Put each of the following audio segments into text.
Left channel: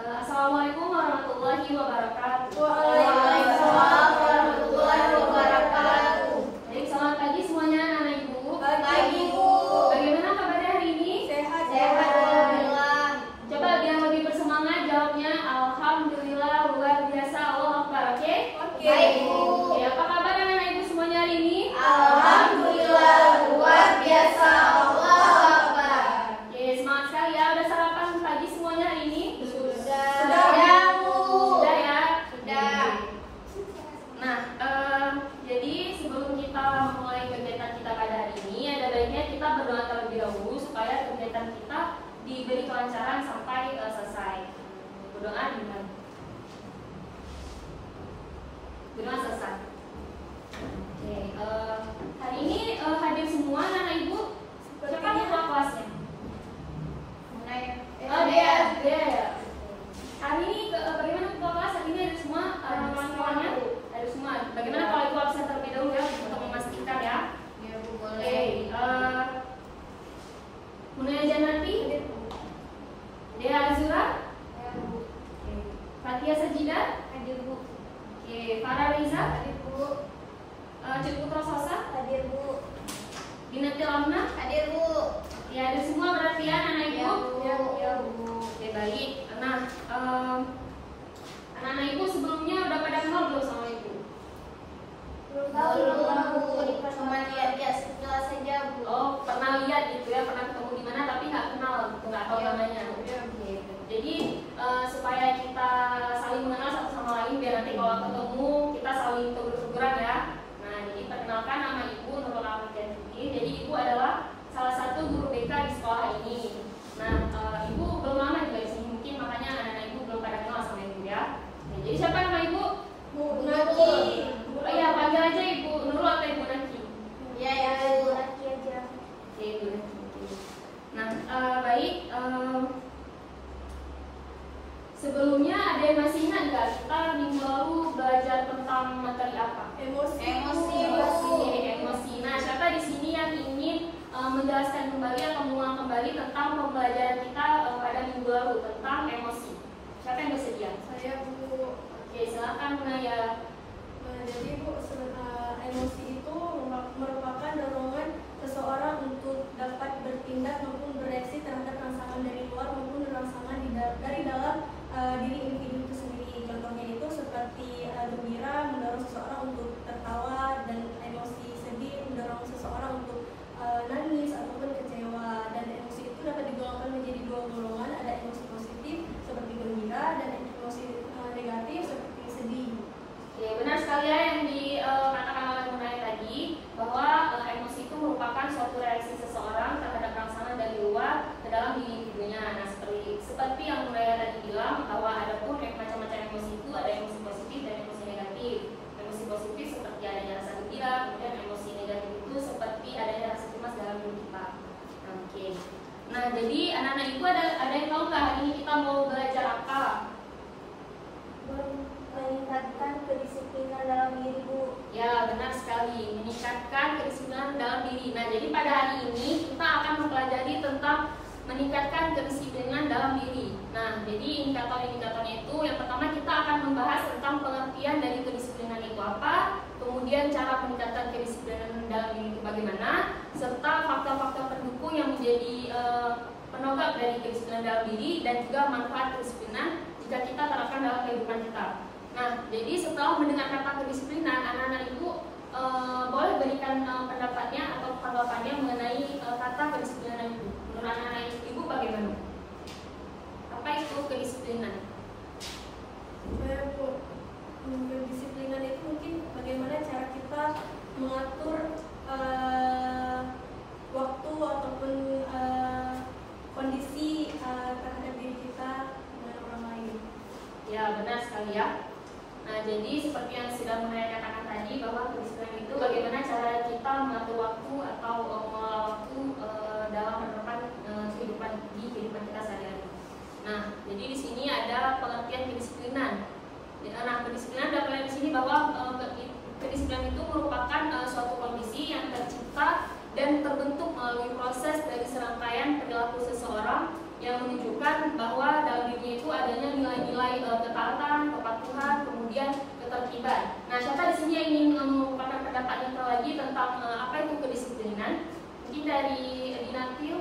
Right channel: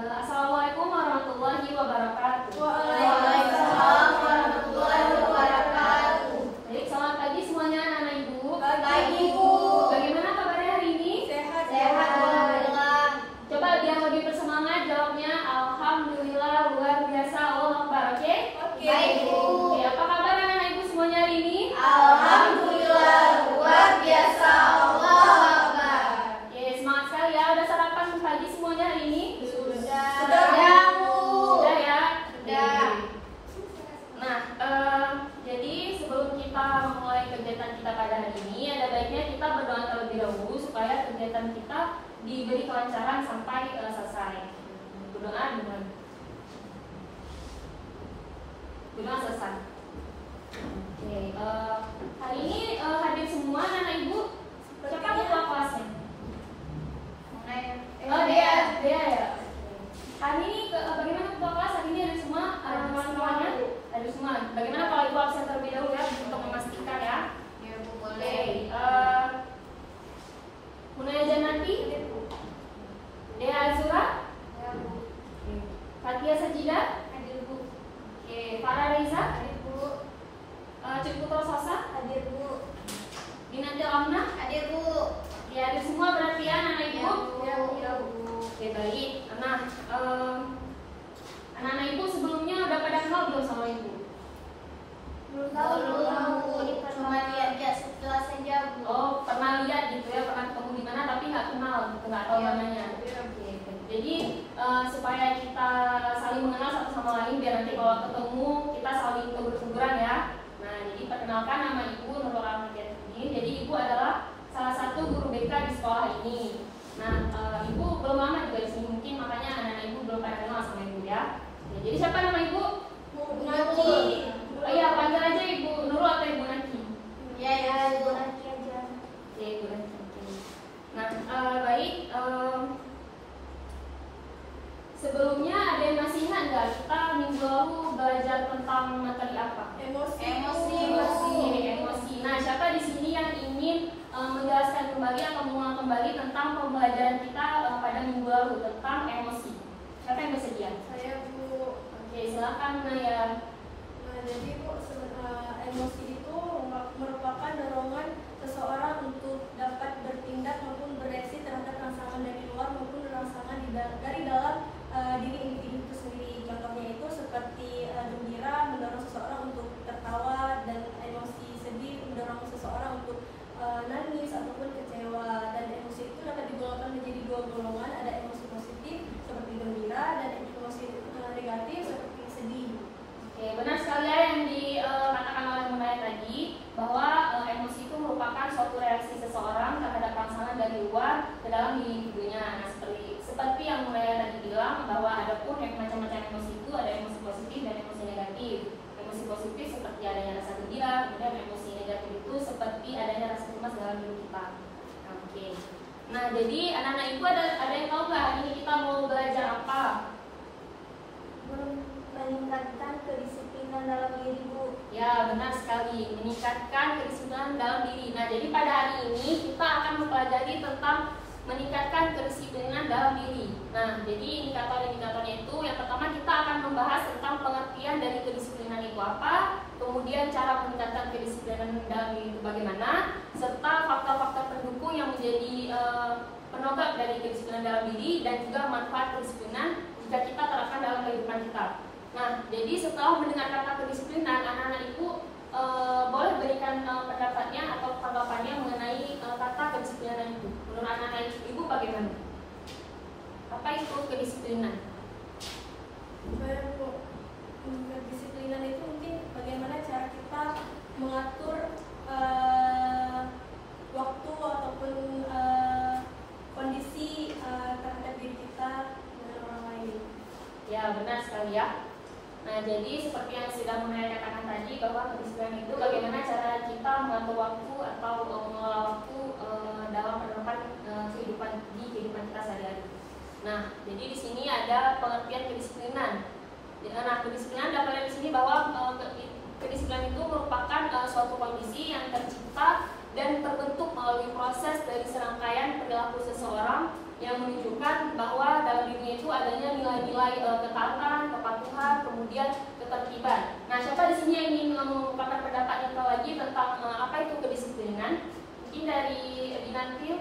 Assalamualaikum warahmatullahi wabarakatuh. Waalaikumsalam warahmatullahi wabarakatuh. Baik, selamat pagi semuanya anak ibu. Pagi Bu. Bagaimana kabarnya hari ini? Sehat alhamdulillah. Coba biar lebih bersemangat jawabnya. Alhamdulillah, luar biasa, Allah Akbar. Oke? Baik Bu. Oke, apa kabar anak ibu semuanya hari ini? Alhamdulillah luar biasa, Allah Akbar. Oke, semangat sekali ya. Udah sarapan pagi semuanya hari ini? Sudah Bu. Sudah ya? Sudah. Nah, jadi sebelum kita memulai kegiatan kita pada hari ini, ada baiknya kita berdoa terlebih dahulu supaya kegiatan kita diberi kelancaran sampai selesai. Berdoa dengan berdoa selesai. Oke, hari ini hadir semua anak ibu. Siapa ketua kelasnya? Dea ya. Hari ini bagaimana ketua kelas? Hari ini ada semua kawan-kawannya? Ada semua. Bagaimana kalau ibu absen terlebih dahulu ya untuk memastikan ya? Oke. Munaya Janati, Dea Azura, Fatia Sajida, oke. Farah Reza, Ciputra Sosa, Binatil Amna, ya ada semua berarti ya anak ibu? Oke, baik. Nah, anak-anak ibu sebelumnya udah pada kenal belum sama ibu? Oh, pernah lihat gitu ya, pernah ketemu di mana tapi nggak kenal, nggak tahu namanya. Jadi supaya kita saling mengenal satu sama lain, biar nanti kalau ketemu kita saling tegur-teguran ya. Nah, jadi perkenalkan, nama ibu Nurul Ahmadiyah. Jadi ibu adalah salah satu guru BK di sekolah ini. Nah, ibu belum lama juga di sini, mungkin makanya anak-anak ibu belum pada kenal sama ibu ya. Nah, jadi siapa nama ibu? Naki. Oh iya, panggil aja ibu Nurul atau ibu Naki. Ya, Bu Naki aja. Oke, ibu Naki. Nah, baik. Sebelumnya ada yang masih ingat nggak kita minggu lalu belajar tentang materi apa? Emosi. Emosi. Nah, siapa di sini yang ingin menjelaskan kembali atau mengulang kembali tentang pembelajaran kita pada minggu lalu tentang emosi? Siapa yang bersedia? Saya Bu. Oke, silakan Munaya. Jadi Bu, emosi itu merupakan dorongan seseorang untuk dapat bertindak maupun bereaksi terhadap rangsangan dari luar maupun rangsangan dari dalam diri individu itu sendiri. Contohnya itu seperti gembira mendorong seseorang untuk tertawa, dan emosi sedih mendorong seseorang untuk nangis ataupun kecewa. Dan emosi itu dapat digolongkan menjadi dua golongan, ada emosi positif seperti gembira dan emosi negatif seperti sedih. Oke, benar sekali ya yang dikatakan oleh Munaya tadi, bahwa emosi itu merupakan suatu reaksi seseorang terhadap rangsangan dari luar ke dalam diri individunya. Nah, seperti yang Munaya tadi bilang, bahwa ada pun macam-macam emosi itu, ada emosi positif dan emosi negatif. Emosi positif seperti adanya rasa gembira, kemudian emosi negatif itu seperti adanya rasa cemas dalam diri kita. Oke. Nah, jadi anak-anak ibu ada yang tahu nggak hari ini kita mau belajar apa? Meningkatkan kedisiplinan dalam diri Bu. Ya, benar sekali, meningkatkan kedisiplinan dalam diri. Nah, jadi pada hari ini kita akan mempelajari tentang meningkatkan kedisiplinan dalam diri. Nah, jadi indikator-indikatornya itu, yang pertama kita akan membahas tentang pengertian dari kedisiplinan itu apa, kemudian cara meningkatkan kedisiplinan dalam diri itu bagaimana, serta faktor-faktor pendukung yang menjadi penopang dari kedisiplinan dalam diri, dan juga manfaat kedisiplinan jika kita terapkan dalam kehidupan kita. Nah, jadi setelah mendengar kata kedisiplinan, anak-anak ibu boleh berikan pendapatnya atau tanggapannya mengenai kata kedisiplinan itu. Menurut anak-anak ibu bagaimana? Apa itu kedisiplinan? Kedisiplinan itu mungkin bagaimana cara kita mengatur waktu ataupun kondisi terhadap diri kita dengan orang lain. Ya, benar sekali ya. Nah, jadi seperti yang sudah Munaya katakan tadi, bahwa kedisiplinan itu bagaimana cara kita mengatur waktu atau mengelola waktu dalam penerapan kehidupan kita sehari-hari. Nah, jadi di sini ada pengertian kedisiplinan. Nah, kedisiplinan dapat di sini bahwa kedisiplinan itu merupakan suatu kondisi yang tercipta dan terbentuk melalui proses dari serangkaian perilaku seseorang yang menunjukkan bahwa dalam dirinya itu adanya nilai nilai-nilai ketaatan, kepatuhan, kemudian ketertiban. Nah, siapa di sini yang ingin mengungkapkan pendapatnya lagi tentang apa itu kedisiplinan? Mungkin dari Dinantil.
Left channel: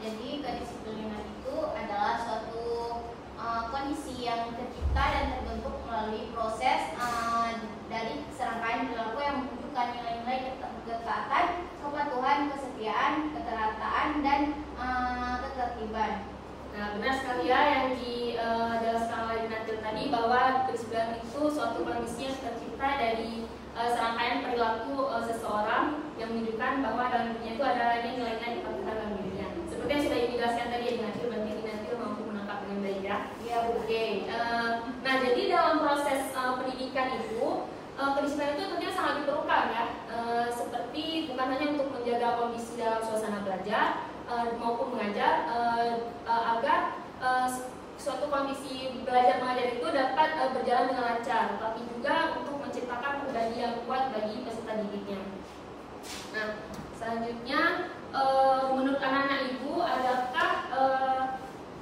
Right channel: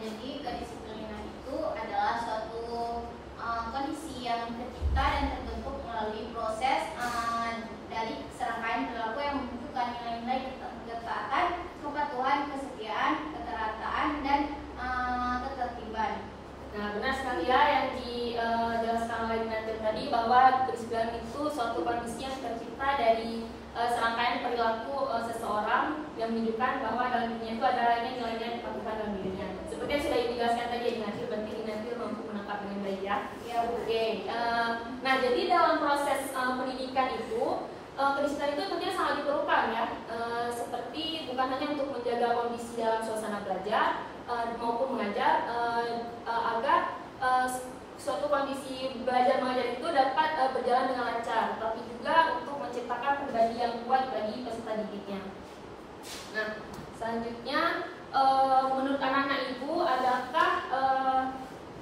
Jadi kedisiplinan itu adalah suatu kondisi yang tercipta dan terbentuk melalui proses dari serangkaian perilaku yang menunjukkan nilai-nilai ketaatan, kepatuhan, kesetiaan, keterataan, dan ketertiban. Nah, benar sekali ya yang dijelaskan oleh Dinantil tadi, bahwa kedisiplinan itu suatu kondisi yang tercipta dari serangkaian perilaku seseorang yang menunjukkan bahwa dalam dirinya itu ada nilai-nilai kepatuhan dalam dirinya. Seperti yang sudah dijelaskan tadi ya Dinantil, berarti Dinantil mampu menangkap dengan baik ya. Oke. Nah, jadi dalam proses pendidikan itu kedisiplinan itu tentunya sangat diperlukan ya. Seperti bukan hanya untuk menjaga kondisi dalam suasana belajar maupun mengajar, agar suatu kondisi belajar mengajar itu dapat berjalan dengan lancar, tapi juga untuk menciptakan pribadi yang kuat bagi peserta didiknya. Nah, selanjutnya menurut anak-anak ibu, adakah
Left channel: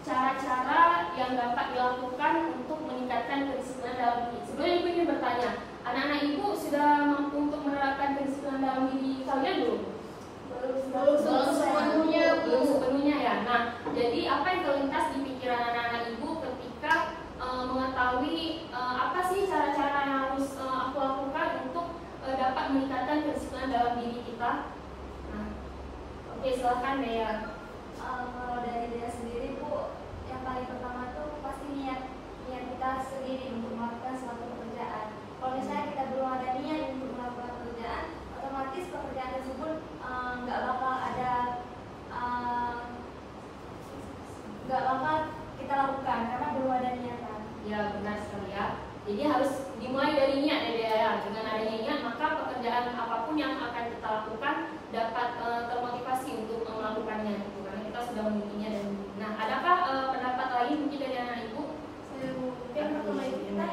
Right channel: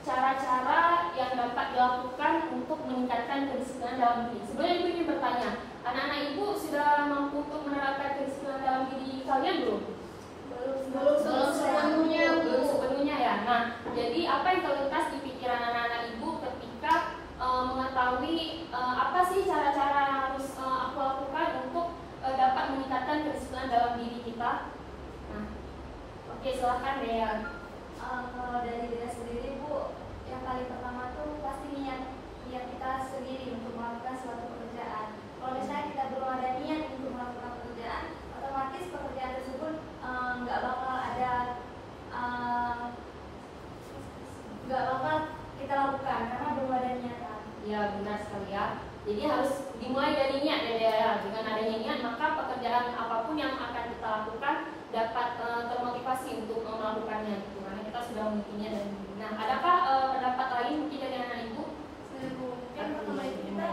cara-cara yang dapat dilakukan untuk meningkatkan kedisiplinan dalam diri? Sebenarnya ibu ingin bertanya, anak-anak ibu sudah mampu untuk menerapkan kedisiplinan dalam diri kalian belum? Belum sepenuhnya ya. Nah, jadi apa yang terlintas di pikiran anak-anak ibu ketika mengetahui apa sih cara-cara yang harus aku lakukan untuk dapat meningkatkan kedisiplinan dalam diri kita? Nah, oke, silakan Dea. Kalau dari diri sendiri Bu, yang paling pertama tuh pasti niat kita sendiri untuk melakukan suatu pekerjaan. Kalau misalnya kita belum ada niat untuk melakukan pekerjaan, otomatis pekerjaan tersebut nggak bakal kita lakukan karena belum ada niatan. Ya, benar sekali ya. Jadi harus dimulai dari niat ya. Dengan adanya niat, maka pekerjaan apapun yang akan kita lakukan dapat termotivasi untuk melakukannya. Karena kita sudah memilikinya. Dan nah, adakah pendapat lain mungkin dari anak ibu? Mungkin pertama itu kita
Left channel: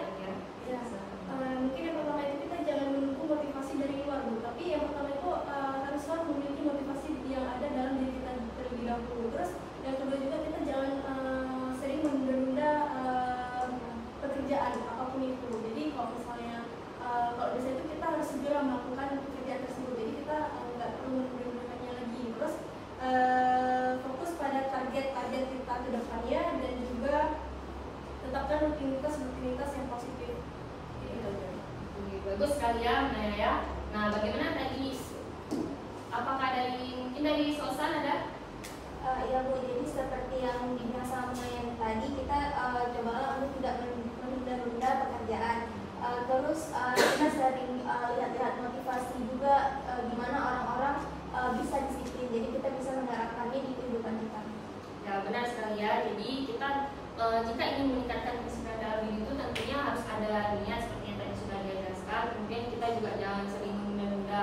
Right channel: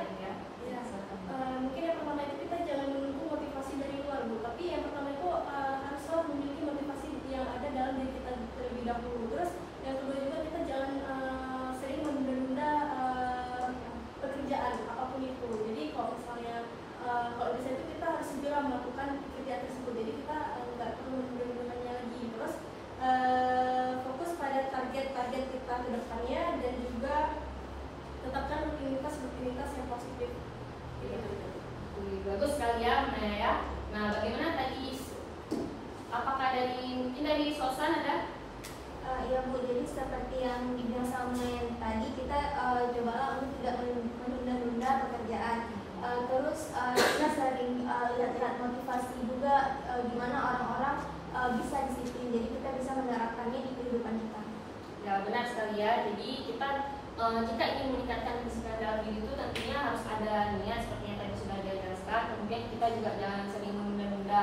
mungkin yang pertama itu kita jangan menunggu motivasi dari luar Bu, tapi yang pertama itu haruslah memiliki motivasi yang ada dalam diri kita terlebih dahulu. Terus yang kedua juga kita jangan sering menunda-nunda pekerjaan apapun itu. Jadi kalau misalnya kalau bisa itu kita harus segera melakukan pekerjaan tersebut. Jadi kita nggak perlu menunda-nundanya lagi. Terus fokus pada target-target kita ke depannya dan juga tetapkan rutinitas yang positif. Bagus sekali ya, Naya ya. Nah, bagaimana tadi? Apakah mungkin dari Sosan ada? Ya Bu, jadi seperti yang dibilang sama yang tadi, kita cobalah untuk tidak menunda-nunda pekerjaan. Terus kita sering lihat motivasi juga gimana orang-orang bisa disiplin, jadi kita bisa menerapkannya di kehidupan kita. Ya, benar sekali ya. Jadi kita jika ingin meningkatkan kedisiplinan dalam diri itu tentunya harus ada niat seperti yang tadi sudah dijelaskan. Kemudian kita juga jangan sering menunda-nunda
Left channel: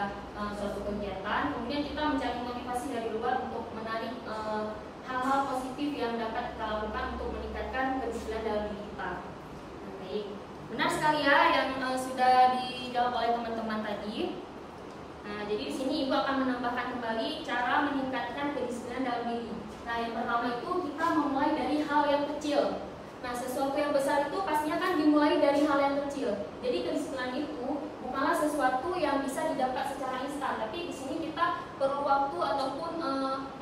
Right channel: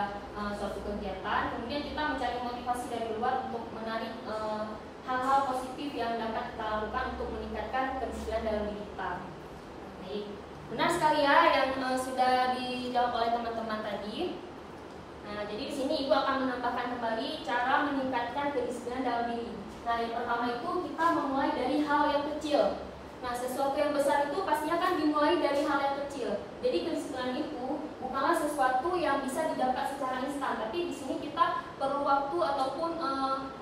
suatu kegiatan. Kemudian kita mencari motivasi dari luar untuk menarik hal-hal positif yang dapat kita lakukan untuk meningkatkan kedisiplinan dalam diri kita. Baik, benar sekali ya yang sudah dijawab oleh teman-teman tadi. Nah, jadi di sini ibu akan menambahkan kembali cara meningkatkan kedisiplinan dalam diri. Nah, yang pertama itu kita memulai dari hal yang kecil. Nah, sesuatu yang besar itu pastinya kan dimulai dari hal yang kecil. Jadi kedisiplinan itu bukanlah sesuatu yang bisa didapat secara instan, tapi di sini kita perlu waktu ataupun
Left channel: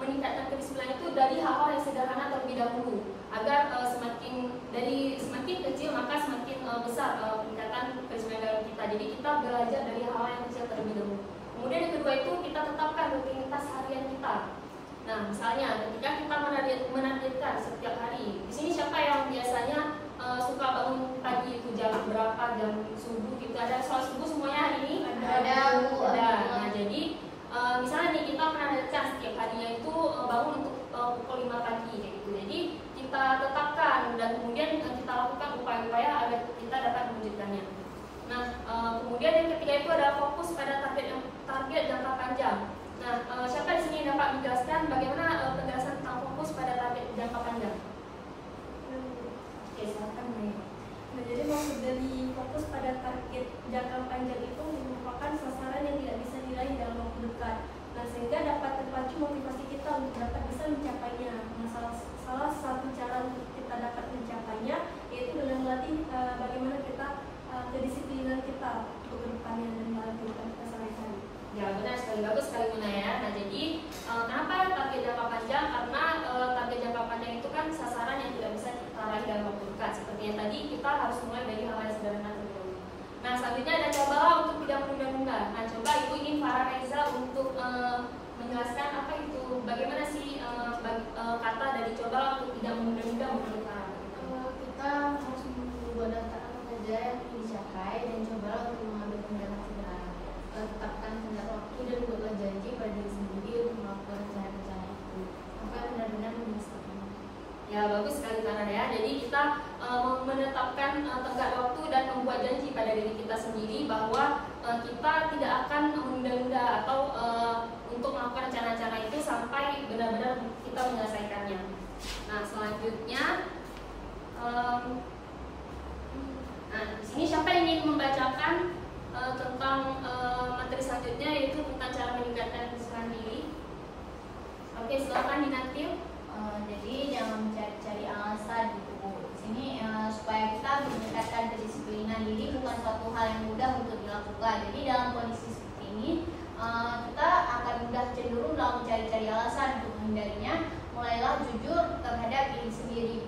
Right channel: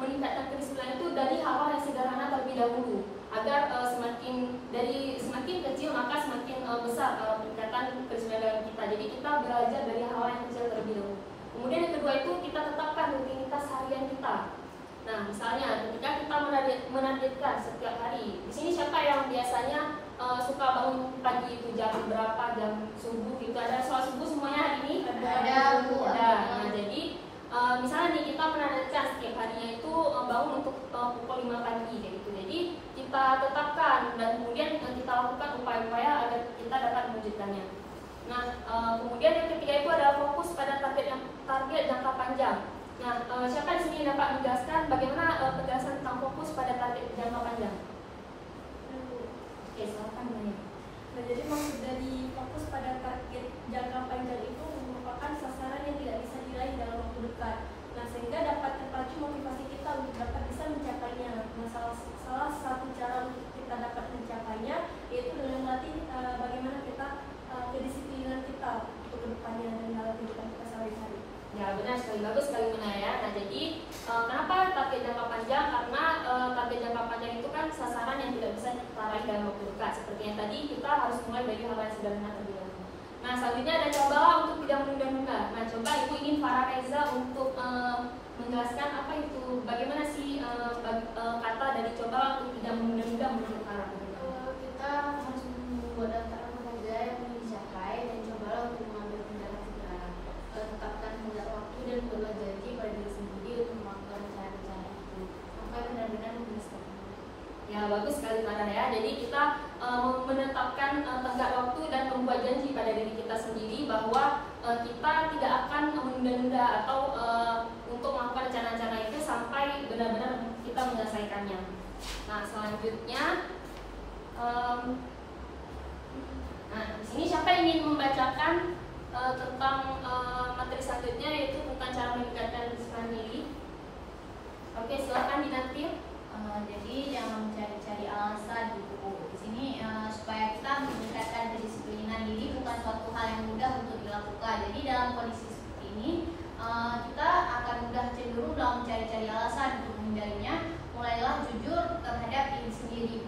meningkatkan kedisiplinan itu dari hal-hal yang sederhana terlebih dahulu, agar semakin kecil maka semakin besar peningkatan kedisiplinan dalam kita. Jadi kita belajar dari hal yang kecil terlebih dahulu. Kemudian yang kedua itu kita tetapkan rutinitas harian kita. Nah, misalnya ketika kita menargetkan setiap hari, di sini siapa yang biasanya suka bangun pagi itu jam berapa, jam subuh gitu? Ada soal subuh semuanya hari ini? Ada. Nah, jadi misalnya nih kita menargetkan setiap harinya itu bangun untuk pukul 5 pagi kayak gitu. Jadi kita tetapkan dan kemudian kita lakukan upaya-upaya agar kita dapat mewujudkannya. Nah, kemudian yang ketiga itu adalah fokus pada target jangka panjang. Nah, siapa di sini dapat menjelaskan bagaimana penjelasan tentang fokus pada target jangka panjang? Oke, silakan. Nah, jadi maksud dari fokus pada target jangka panjang itu merupakan sasaran yang tidak bisa diraih dalam waktu dekat. Nah, sehingga dapat terpacu motivasi kita untuk dapat bisa mencapainya. Nah, salah satu cara untuk kita dapat mencapainya kenapa target jangka panjang? Karena target jangka panjang itu kan sasaran yang tidak bisa kita raih dalam waktu dekat. Seperti yang tadi, kita harus mulai dari hal yang sederhana terlebih dahulu. Nah, selanjutnya ada cobalah untuk tidak menunda-nunda. Nah, coba Ibu ingin Farah Reza untuk menjelaskan apa itu, bagaimana sih kata dari cobalah untuk tidak menunda-nunda menurut Farah? Kita harus membuat antara pekerjaan yang dicapai dan cobalah untuk mengambil tindakan segera. Tetapkan tenggat waktu dan buatlah janji pada diri sendiri untuk melakukan rencana-rencana itu. Maka benar-benar menjadi seperti itu. Ya, bagus sekali Farah ya. Jadi kita menetapkan tenggat waktu dan membuat janji pada diri kita sendiri bahwa kita tidak akan menunda-nunda atau untuk melakukan rencana-rencana itu sampai benar-benar kita menyelesaikannya. Nah, selanjutnya nah, di sini siapa yang ingin membacakan tentang materi selanjutnya, yaitu tentang cara meningkatkan kedisiplinan diri. Oke, silakan Dinatil. Jadi jangan mencari-cari alasan gitu Bu. Di sini supaya kita meningkatkan kedisiplinan diri bukan suatu hal yang mudah untuk dilakukan. Jadi dalam kondisi seperti ini kita akan mudah cenderung dalam mencari-cari alasan untuk menghindarinya. Mulailah jujur terhadap diri sendiri.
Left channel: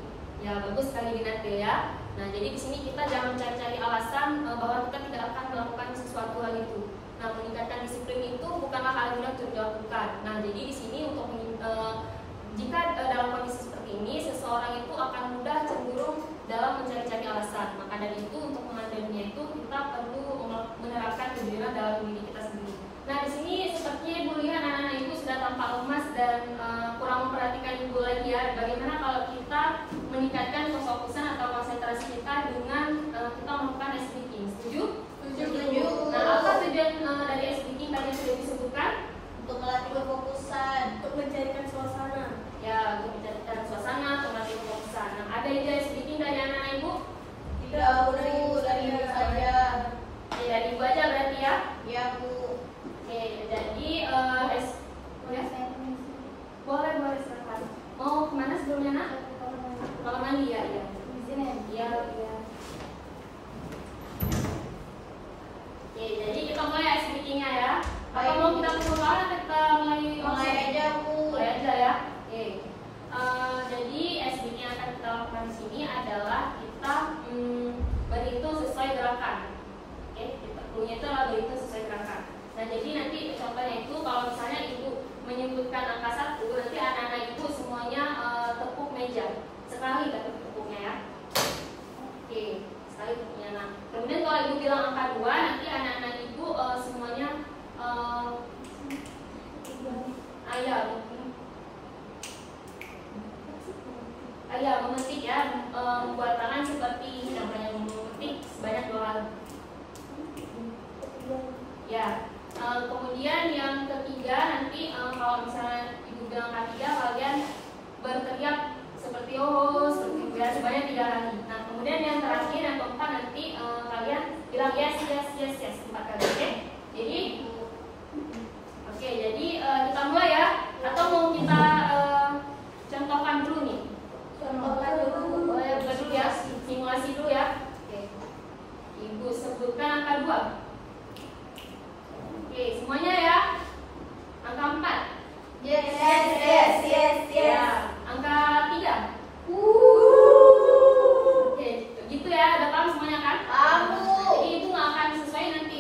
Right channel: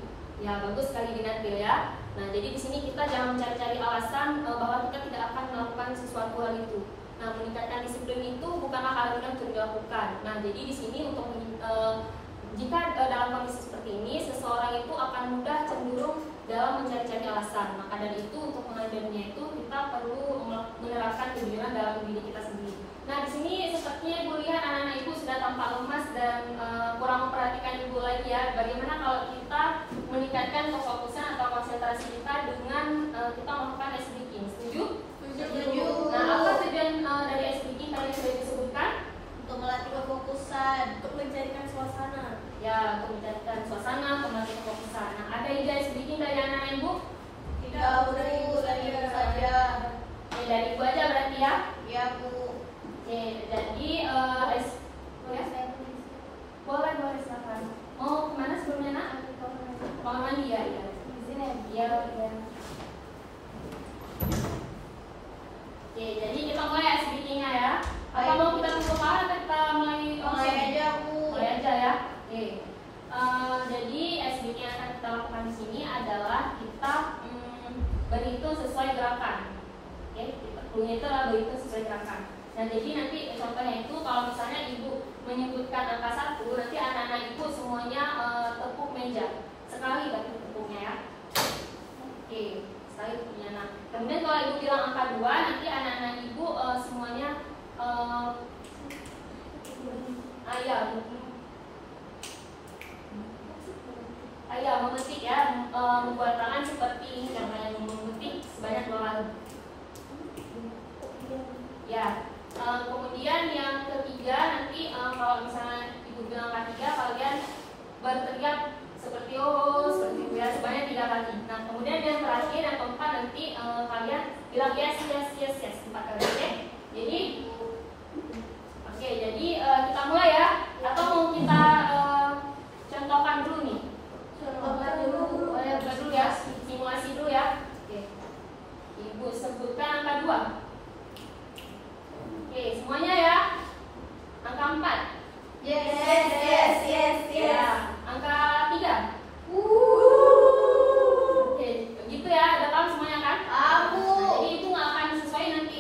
Ya, bagus sekali Dinatil ya. Nah, jadi di sini kita jangan mencari-cari alasan bahwa kita tidak akan melakukan sesuatu hal itu. Nah, meningkatkan disiplin itu bukanlah hal mudah untuk dilakukan. Nah, jadi di sini untuk jika dalam kondisi seperti ini, seseorang itu akan mudah cenderung dalam mencari-cari alasan. Maka dari itu, untuk menghindarinya itu kita perlu menerapkan kejujuran dalam diri kita sendiri. Nah, di sini sepertinya Ibu lihat anak-anak Ibu sudah tampak lemas dan kurang memperhatikan Ibu lagi ya. Bagaimana kalau kita meningkatkan kefokusan atau konsentrasi kita dengan kita melakukan ice breaking? Setuju? Setuju. Nah, apa tujuan dari ice breaking tadi yang sudah disebutkan? Untuk melatih kefokusan, Untuk mencairkan suasana. Ya, untuk mencairkan suasana, untuk melatih kefokusan. Nah, ada ide ice breaking dari anak-anak Ibu? tidak Bu, dari Ibu saja. Oke, dari Ibu aja berarti ya. Ya Bu. Oke, jadi ya, boleh silakan. Mau kemana sebelumnya nak? Kamar mandi ya, ya. Di sini Iya, iya. Oke, jadi kita mulai ice breaking-nya ya. Apa mau kita keluar atau kita mulai aja Bu. Mulai aja ya. Oke. Jadi ice breaking yang akan kita lakukan di sini adalah kita berhitung sesuai gerakan. Oke, clue-nya itu adalah berhitung sesuai gerakan. Nah, jadi nanti contohnya itu kalau misalnya Ibu menyebutkan angka 1, nanti anak-anak Ibu semuanya tepuk meja. Sekali berarti tepuknya ya. Oke, sekali tepuknya. Nah, kemudian kalau Ibu bilang angka 2, nanti anak-anak Ibu semuanya memetik ya, membuat tangan seperti contohnya memetik sebanyak 2 kali. Ya. Kemudian yang ketiga nanti kalau misalnya Ibu bilang angka 3, kalian berteriak seperti seperti itu ya, sebanyak 3 kali. Nah, kemudian yang terakhir yang keempat nanti kalian bilang yes 4 kali. Oke? Jadi kita mulai ya, atau mau kita contohkan dulu nih? Contohkan dulu. Boleh dulu ya, simulasi dulu ya. Oke. Ibu sebutkan angka 2. Oke, semuanya ya. Angka 4. Yes. Ya, angka 3. Oke, gitu ya. Udah paham semuanya kan? Aku. Jadi itu nggak akan sesuai nanti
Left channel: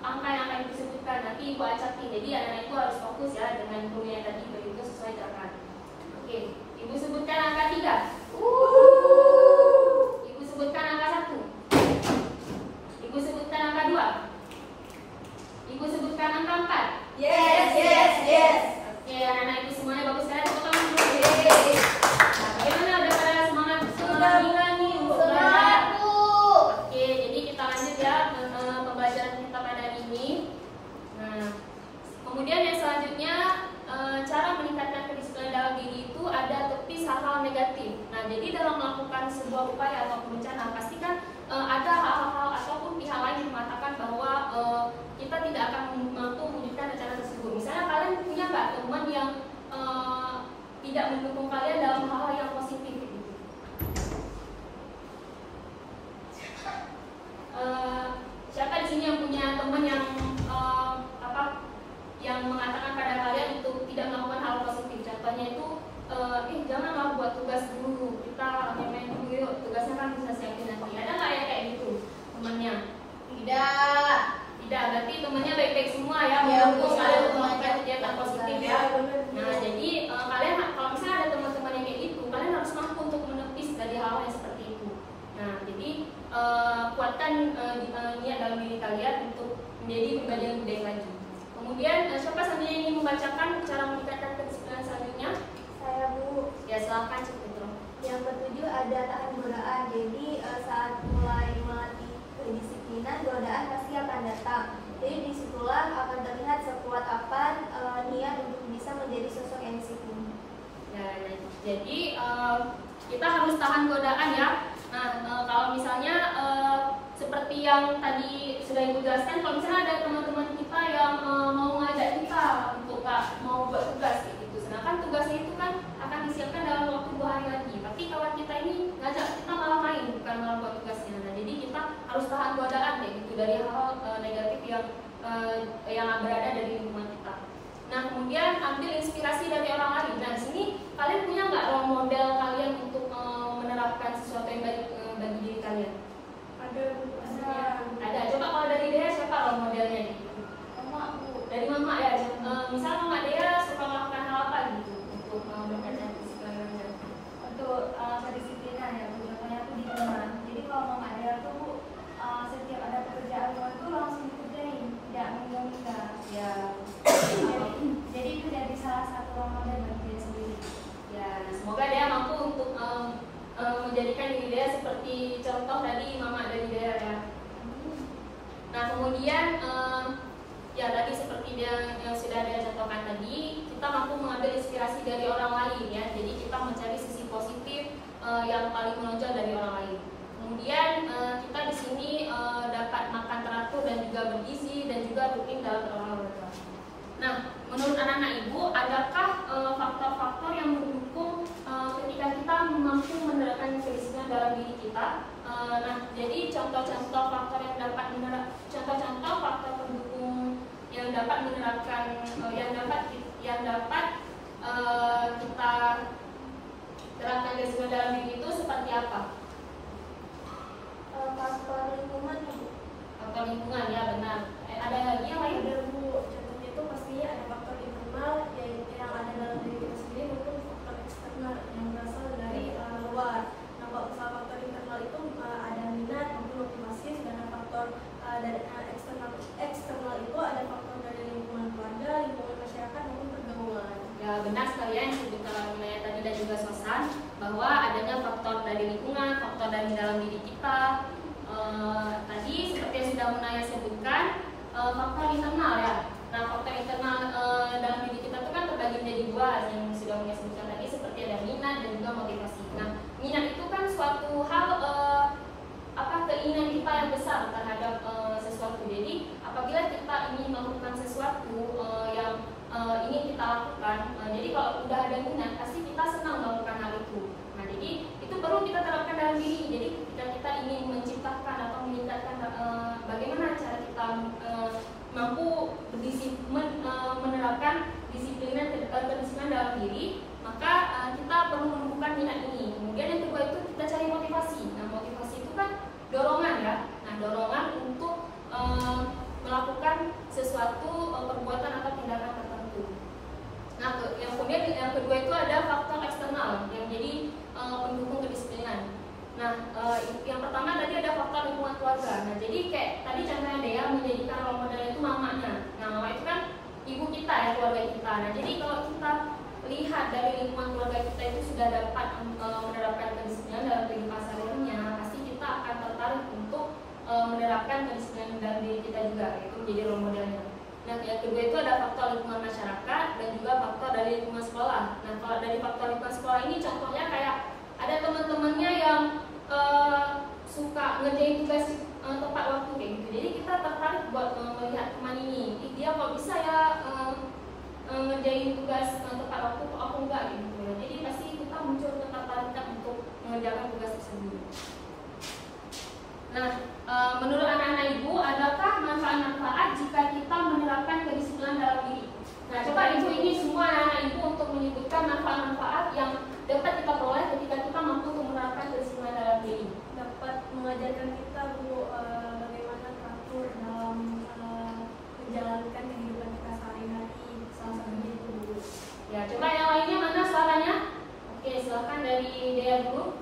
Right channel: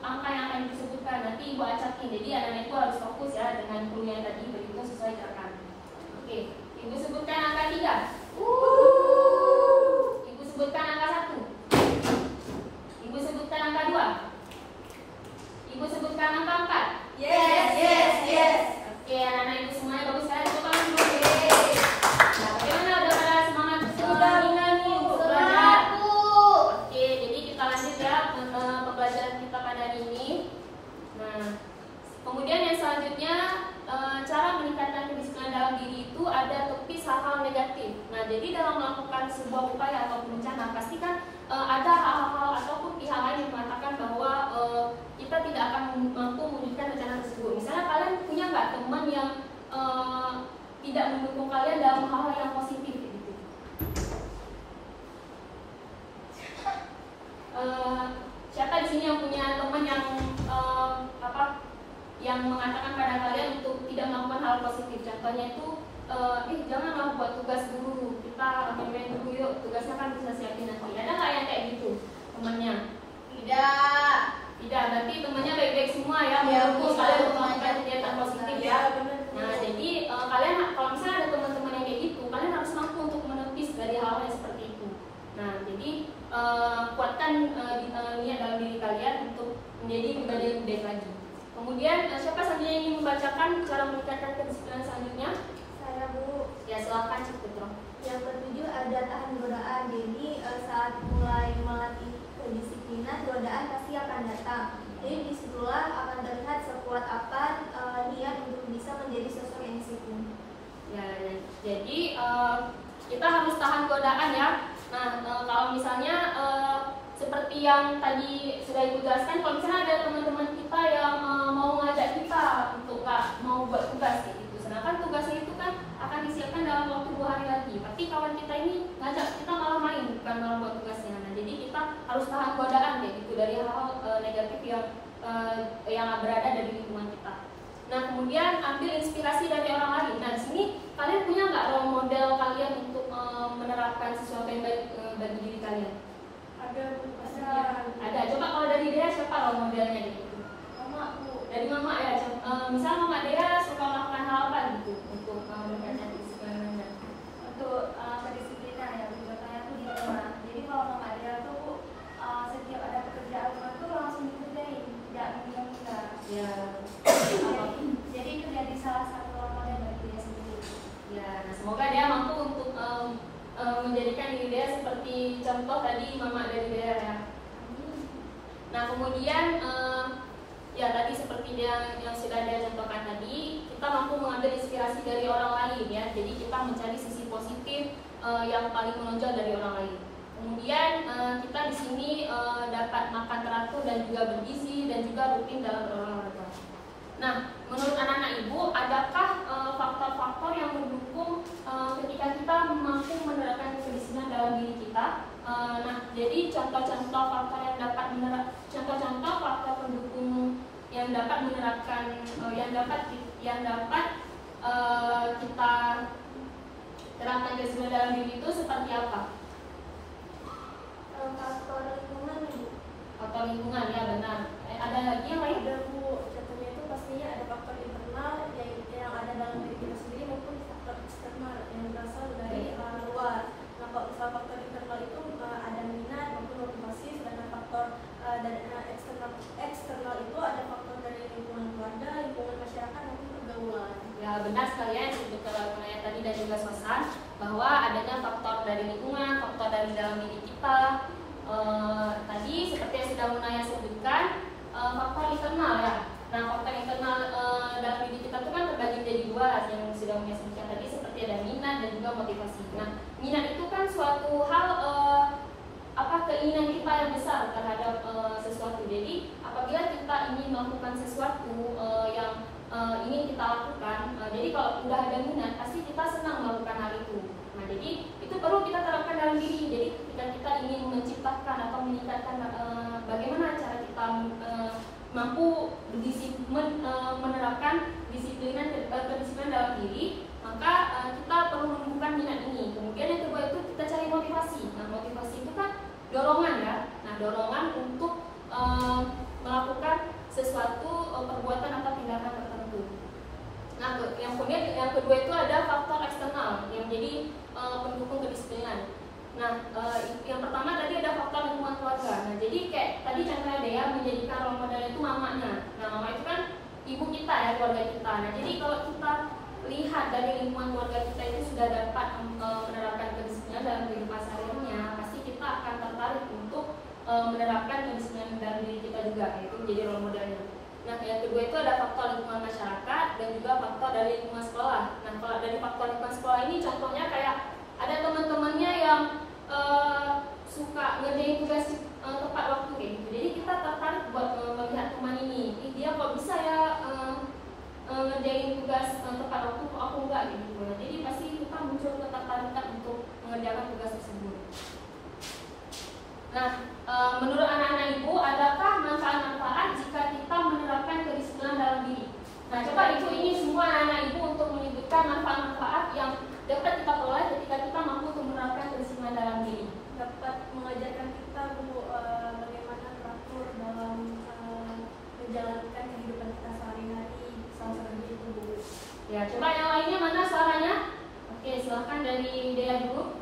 angka yang akan disebutkan. Nanti Ibu acakin. Jadi anak-anak itu harus fokus ya dengan kemudian tadi begitu sesuai gerakan. Oke, Ibu sebutkan angka 3. Ibu sebutkan angka 1. Ibu sebutkan angka 2. Ibu sebutkan angka 4. Yes. Oke, anak-anak Ibu semuanya bagus sekali. Tepuk tangan dulu. Nah, bagaimana udah pada semangat meninggal nih? Sudah Bu. Oke, jadi kita lanjut ya pembelajaran kita pada hari ini. Nah, kemudian yang selanjutnya cara meningkatkan kedisiplinan dalam diri itu ada tepis hal-hal negatif. Nah, jadi dalam melakukan sebuah upaya atau bencana pasti kan ada hal-hal ataupun pihak lain yang mengatakan bahwa kita tidak akan mampu mewujudkan rencana tersebut. Misalnya kalian punya nggak teman yang tidak mendukung kalian dalam hal-hal yang positif gitu? Siapa di sini yang punya teman yang yang mengatakan pada kalian untuk tidak melakukan hal-hal yang seperti itu. Nah, jadi kuatkan niat dalam diri kalian untuk menjadi pribadi yang lebih baik lagi. Kemudian siapa saja yang ingin membacakan cara meningkatkan kedisiplinan selanjutnya? Saya, Bu. Ya, silakan Cik Putro. Yang ketujuh ada tahan godaan. Jadi saat mulai melatih kedisiplinan, godaan pasti akan datang. Jadi disitulah akan terlihat sekuat apa niat untuk bisa menjadi sosok yang disiplin. Ya, jadi kita harus tahan godaan ya. Nah, kalau misalnya seperti yang tadi sudah Ibu jelaskan, kalau misalnya ada teman-teman kita yang mau ngajak kita untuk mau buat tugas gitu, sedangkan tugasnya itu kan akan disiapkan dalam waktu 2 hari lagi, tapi kawan kita ini ngajak kita malah main, bukan malah buat tugasnya. Nah, jadi kita harus tahan godaan kayak gitu dari hal-hal negatif yang berada dari lingkungan kita. Nah, kemudian ambil inspirasi dari orang lain. Nah, di sini kalian punya nggak role model kalian untuk menerapkan sesuatu yang baik bagi diri kalian? Ada, Bu. Ada. Coba kalau dari Dea siapa role modelnya gitu? Mama, Bu. Dari Mama ya. Misal Mama Dea suka melakukan hal apa gitu untuk berkaitan kedisiplinan? Untuk kedisiplinan ya, contohnya tuh di rumah. Jadi kalau Mama Dea tuh Bu, setiap ada pekerjaan rumah itu langsung dikerjain, tidak menunda. Ya. Jadi itu jadi salah satu role model bagi dia sendiri. Ya. Nah, semoga Dea mampu untuk menjadikan diri Dea seperti contoh tadi Mama dari Dea ya. Nah, kemudian ya tadi seperti dia yang sudah dia contohkan tadi, kita mampu mengambil inspirasi dari orang lain ya. Jadi kita mencari sisi positif yang paling menonjol dari orang lain. Kemudian kita di sini dapat makan teratur dan juga bergizi dan juga rutin dalam berolahraga. Nah, menurut anak-anak Ibu, adakah faktor-faktor yang mendukung ketika kita mampu menerapkan kedisiplinan dalam diri kita? Nah, jadi contoh-contoh faktor yang dapat contoh-contoh faktor pendukung yang dapat menerapkan yang dapat kita terapkan kedisiplinan dalam diri itu seperti apa? Faktor lingkungan ya, Bu. Faktor lingkungan ya, benar. Ada lagi yang lain? Ada, Bu. Contohnya itu pastinya ada faktor internal yang ada dalam diri kita sendiri maupun faktor eksternal yang berasal dari luar. Nah, kalau misalnya faktor internal itu ada minat maupun motivasi, sedangkan faktor dari eksternal itu ada faktor dari lingkungan keluarga, lingkungan masyarakat maupun pergaulan. Ya, benar sekalian sebutkan mengenai tadi dan juga Sosan bahwa adanya faktor dari lingkungan, faktor dari dalam diri kita. Tadi seperti yang sudah Munaya sebutkan, faktor internal ya. Nah, faktor internal dalam diri kita itu kan terbagi menjadi 2 yang sudah Munaya sebutkan tadi, seperti ada minat dan juga motivasi. Nah, minat itu kan suatu hal keinginan kita yang besar terhadap sesuatu. Jadi apabila kita ingin melakukan sesuatu yang ingin kita lakukan, jadi kalau sudah ada minat pasti kita senang melakukan hal itu. Nah, jadi itu perlu kita terapkan dalam diri. Jadi ketika kita ingin menciptakan atau meningkatkan bagaimana cara kita mampu menerapkan kedisiplinan dalam diri, maka kita perlu menemukan minat ini. Kemudian yang kedua itu kita cari motivasi. Nah, motivasi itu kan dorongan ya. Nah, dorongan untuk melakukan sesuatu perbuatan atau tindakan tertentu. Nah, yang kedua itu ada faktor eksternal yang jadi pendukung kedisiplinan. Nah, yang pertama tadi ada faktor lingkungan keluarga. Nah, jadi kayak tadi contohnya Dea menjadikan role modelnya itu mamanya. Nah, mama itu kan ibu kita ya, keluarga kita. Nah, jadi kalau kita lihat dari lingkungan keluarga kita itu sudah dapat menerapkan kedisiplinan dalam kehidupan sehari-harinya, pasti kita akan tertarik untuk menerapkan kedisiplinan dalam diri kita juga, yaitu menjadi role modelnya. Nah, yang kedua itu ada faktor lingkungan masyarakat dan juga faktor dari lingkungan sekolah. Nah, kalau dari faktor lingkungan sekolah ini contohnya kayak ada teman-temannya yang suka ngerjain tugas tepat waktu kayak gitu. Jadi kita tertarik buat melihat teman ini, dia kok bisa ya ngerjain tugas tepat waktu, kok aku enggak gitu. Jadi pasti kita muncul ketertarikan untuk mengerjakan tugas tersebut. Nah, menurut anak-anak Ibu, adakah manfaat-manfaat jika kita menerapkan kedisiplinan dalam diri? Nah, coba Ibu ini semua anak-anak Ibu untuk menyebutkan manfaat-manfaat yang dapat kita peroleh ketika kita mampu untuk menerapkan kedisiplinan dalam diri. Dapat mengajarkan kita, Bu, bagaimana teratur dalam menjalankan kehidupan kita sehari-hari. Salah satunya itu, Bu. Ya, coba yang lainnya mana suaranya? Oke, silakan dari Dea dulu.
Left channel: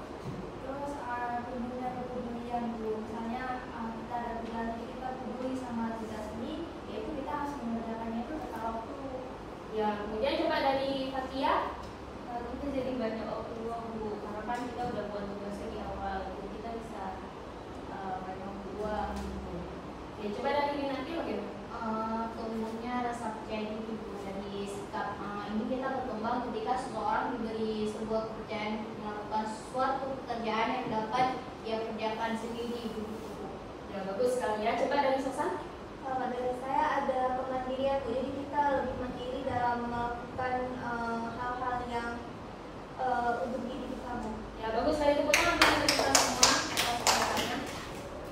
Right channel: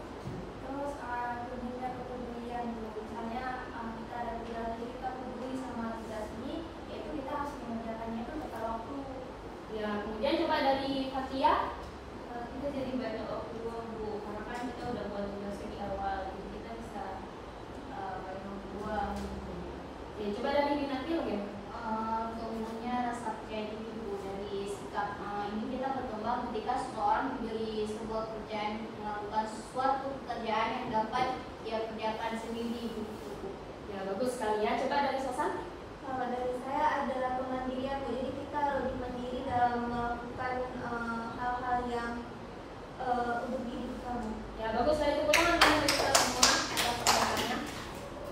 bagus sekali ya. Coba dari Sosan. Dari saya ada kemandirian, jadi kita lebih mandiri dalam melakukan hal-hal yang untuk diri kamu. Ya, bagus sekali, tepuk tangan untuk kita semua atas perkataannya.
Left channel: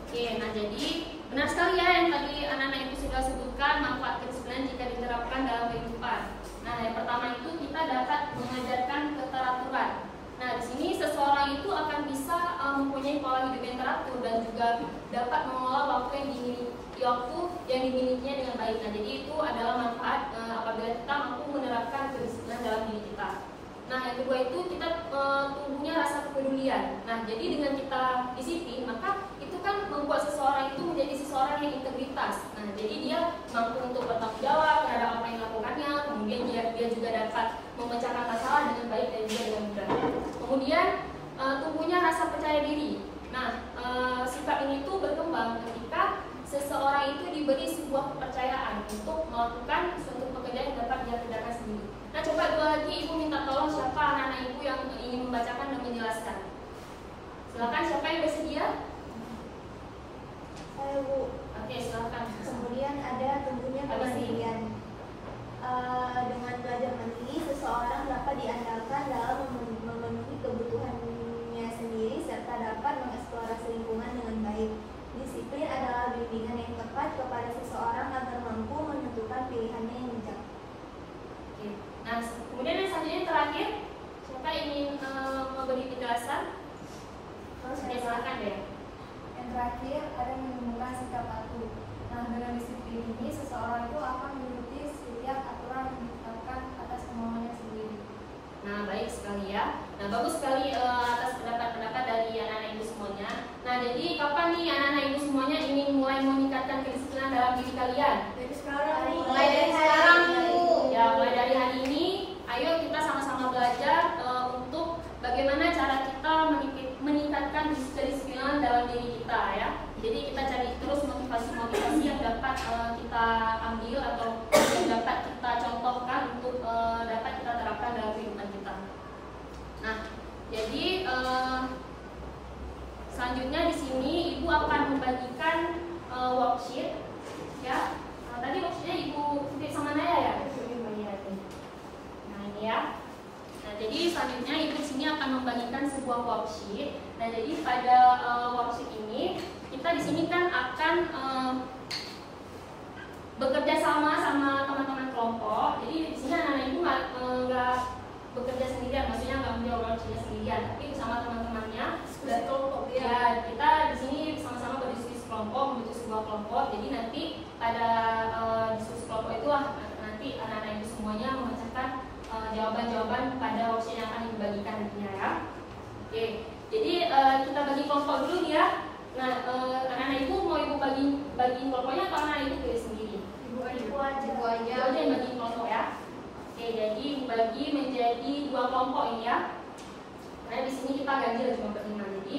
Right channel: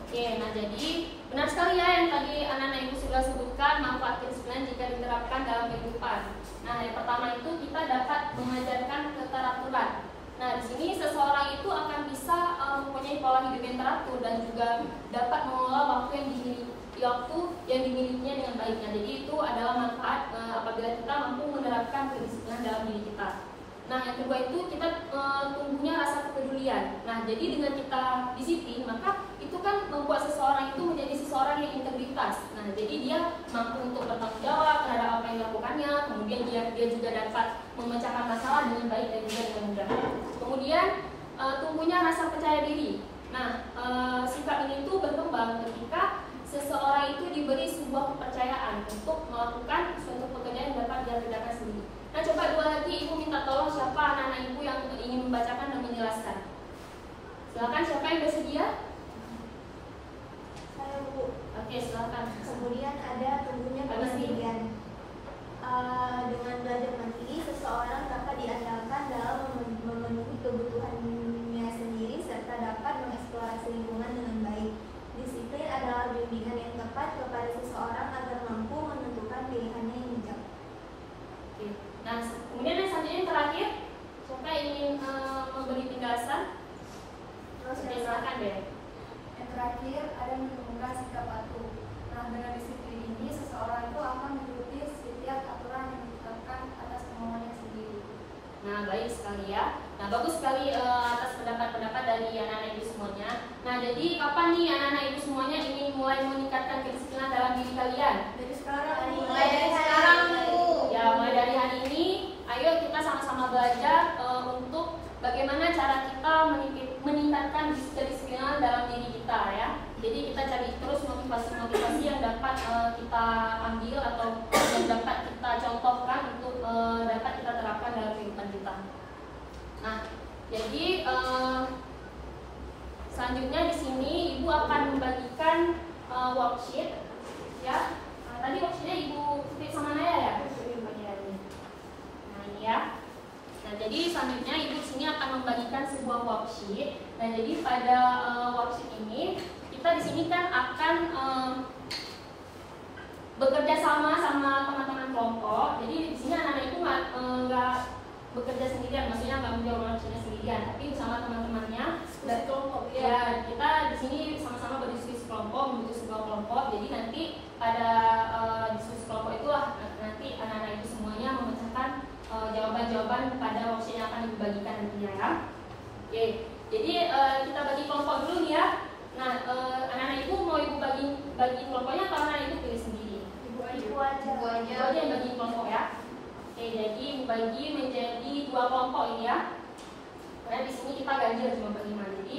Oke, nah jadi benar sekali ya yang tadi anak-anak ibu sudah sebutkan manfaat kedisiplinan jika diterapkan dalam kehidupan. Nah, yang pertama itu kita dapat mengajarkan keteraturan. Nah, di sini seseorang itu akan bisa mempunyai pola hidup yang teratur dan juga dapat mengelola waktu yang dimilikinya dengan baik. Nah, jadi itu adalah manfaat apabila kita mampu menerapkan kedisiplinan dalam diri kita. Nah, yang kedua itu kita tumbuhnya rasa kepedulian. Nah, jadi dengan kita disiplin, maka itu kan membuat seseorang itu menjadi seseorang yang integritas. Nah, jadi dia mampu untuk bertanggung jawab terhadap apa yang dilakukannya. Kemudian dia juga dapat memecahkan masalah dengan baik dan juga dengan mudah. Kemudian tumbuhnya rasa percaya diri. Nah, sifat ini tuh berkembang ketika seseorang itu diberi sebuah kepercayaan untuk melakukan suatu pekerjaan yang dapat dia kerjakan sendiri. Nah, coba dua lagi ibu minta tolong siapa anak-anak ibu yang ingin membacakan dan menjelaskan. Silakan, siapa yang bersedia? Saya, Bu. Oke, silakan. Kemudian ada tentunya kemandirian. Dengan belajar mandiri, seseorang dapat diandalkan dalam memenuhi kebutuhannya sendiri serta dapat mengeksplorasi lingkungan dengan baik. Disiplin adalah bimbingan yang tepat kepada seseorang agar mampu menentukan pilihannya yang bijak. Oke. Nah, kemudian yang selanjutnya yang terakhir, siapa ingin memberi penjelasan? Silakan deh. Yang terakhir ada menemukan sikap patuh. Nah, dengan disiplin ini seseorang itu akan mengikuti setiap aturan yang ditetapkan atas kemauannya sendiri. Nah, baik sekali ya. Nah, bagus sekali atas pendapat-pendapat dari anak-anak ibu semuanya. Nah, jadi kapan nih anak-anak ibu semuanya ingin mulai meningkatkan kedisiplinan dalam diri kalian? Dari sekarang. Mulai dari sekarang. Ya, mulai dari hari ini, ayo kita sama-sama belajar untuk bagaimana cara kita meningkatkan kedisiplinan dalam diri kita ya. Jadi kita cari terus motivasi-motivasi yang dapat kita ambil atau yang dapat kita contohkan untuk dapat kita terapkan dalam kehidupan kita. Nah, jadi selanjutnya di sini ibu akan membagikan worksheet ya. Nah, tadi worksheetnya ibu kutip sama Naya ya. Nah, ini ya. Nah, jadi selanjutnya ibu sini akan membagikan sebuah worksheet. Nah, jadi pada worksheet ini kita di sini kan akan bekerja sama teman-teman kelompok. Jadi di sini anak-anak itu nggak bekerja sendirian, maksudnya nggak menjawab worksheetnya sendirian, tapi bersama teman-temannya. Dan kelompok ya, kita di sini sama-sama berdiskusi kelompok, membentuk sebuah kelompok. Jadi nanti pada diskusi kelompok itu nanti anak-anak itu semuanya memecahkan jawaban-jawaban pada worksheet yang akan dibagikan nantinya ya. Oke, jadi kita bagi kelompok dulu nih ya. Nah, anak-anak ibu mau ibu bagi kelompoknya atau anak ibu pilih sendiri? Ibu aja. Ibu aja yang bagi kelompok ya. Oke, jadi dibagi menjadi 2 kelompok ini ya. Karena di sini kita ganjil cuma berlima. Jadi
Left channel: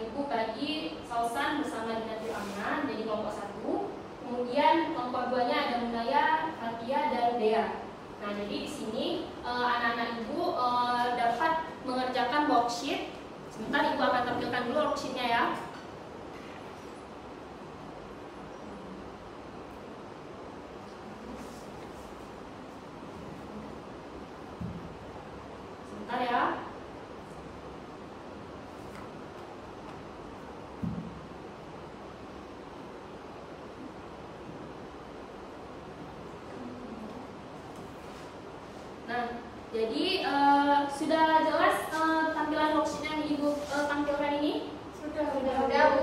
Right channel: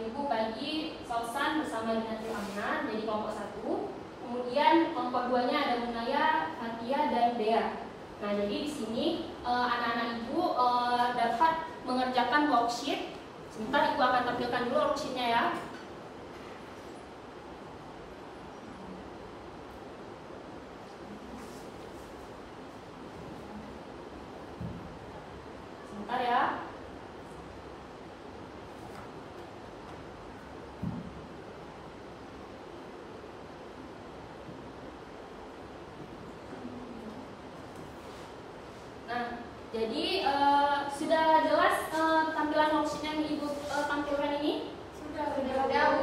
ibu bagi Sausan bersama dengan Tilamian jadi kelompok 1. Kemudian kelompok 2-nya ada Munaya, Fatia dan Dea. Nah, jadi di sini anak-anak ibu dapat mengerjakan worksheet. Sebentar ibu akan tampilkan dulu worksheetnya ya. Sebentar ya. Jadi sudah jelas tampilan worksheet yang ibu tampilkan ini? Sudah.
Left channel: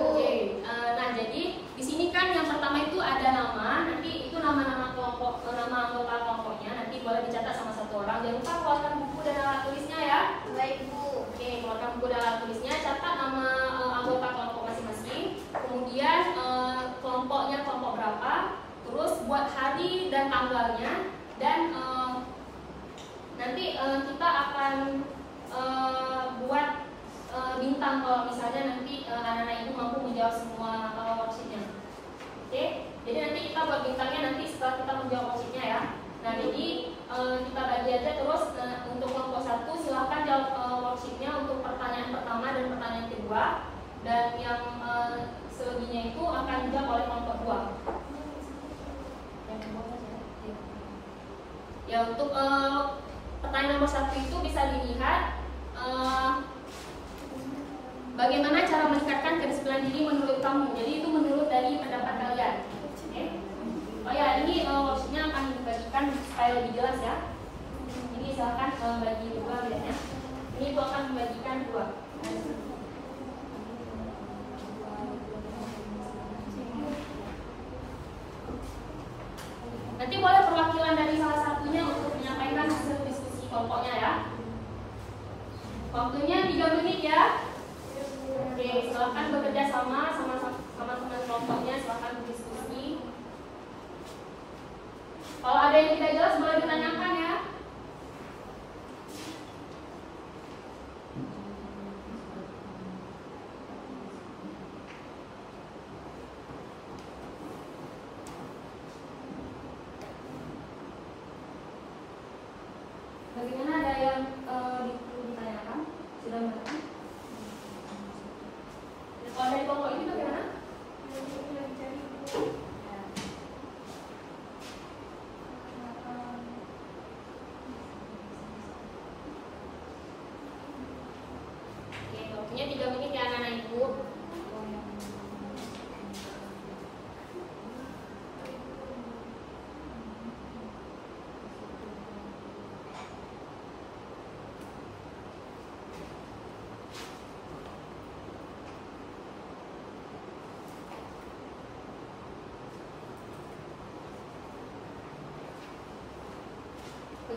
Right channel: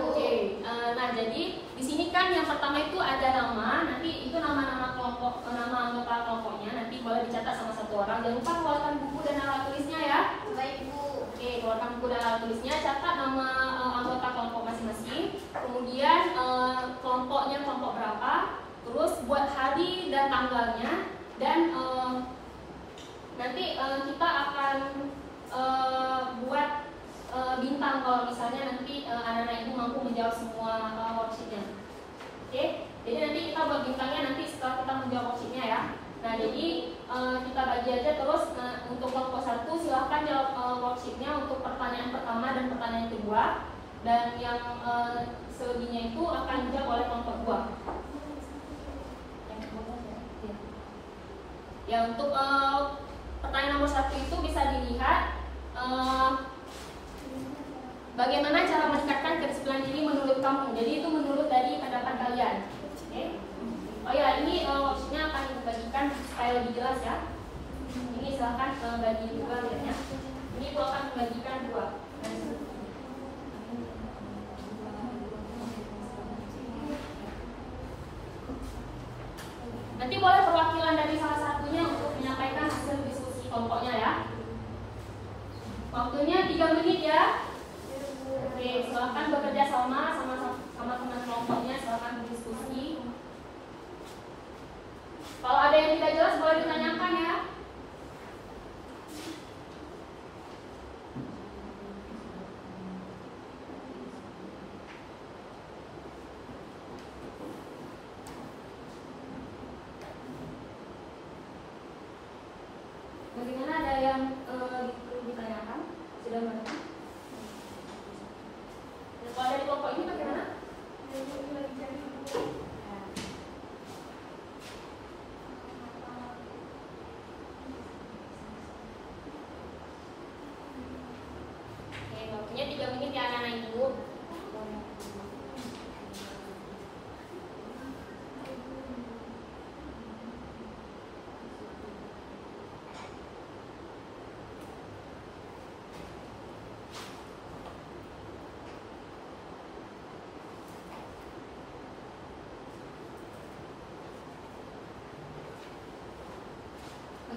Oke. Nah, jadi di sini kan yang pertama itu ada nama, nanti itu nama-nama kelompok, nama anggota kelompoknya nanti boleh dicatat sama satu orang. Jangan lupa keluarkan buku dan alat tulisnya ya. Baik, Bu. Oke, keluarkan buku dan alat tulisnya, catat nama anggota kelompok masing-masing. Kemudian kelompoknya kelompok berapa, terus buat hari dan tanggalnya dan nanti kita akan buat bintang kalau misalnya nanti anak-anak ibu mampu menjawab semua worksheetnya. Oke, jadi nanti kita buat bintangnya nanti setelah kita menjawab worksheetnya ya. Nah, jadi kita bagi aja terus untuk kelompok 1 silahkan jawab worksheetnya untuk pertanyaan pertama dan pertanyaan kedua. dan yang selebihnya itu akan dijawab oleh kelompok 2. Ya, untuk pertanyaan nomor 1 itu bisa dilihat bagaimana cara meningkatkan kedisiplinan diri menurut kamu. Jadi itu menurut dari pendapat kalian. Oke. Oh ya, ini worksheetnya akan dibagikan supaya lebih jelas ya. Ini silahkan bagi juga lihatnya. Ini itu akan membagikan 2. Nanti boleh perwakilan dari salah satunya untuk menyampaikan hasil diskusi kelompoknya ya. Waktunya 3 menit ya. Oke, silakan bekerja sama teman kelompoknya, silakan berdiskusi. Kalau ada yang tidak jelas boleh ditanyakan ya. Bagaimana, ada yang ditanyakan? Sudah berapa? Kalau dari kelompok ini bagaimana? Oke, waktunya 3 menit ya anak-anak ibu.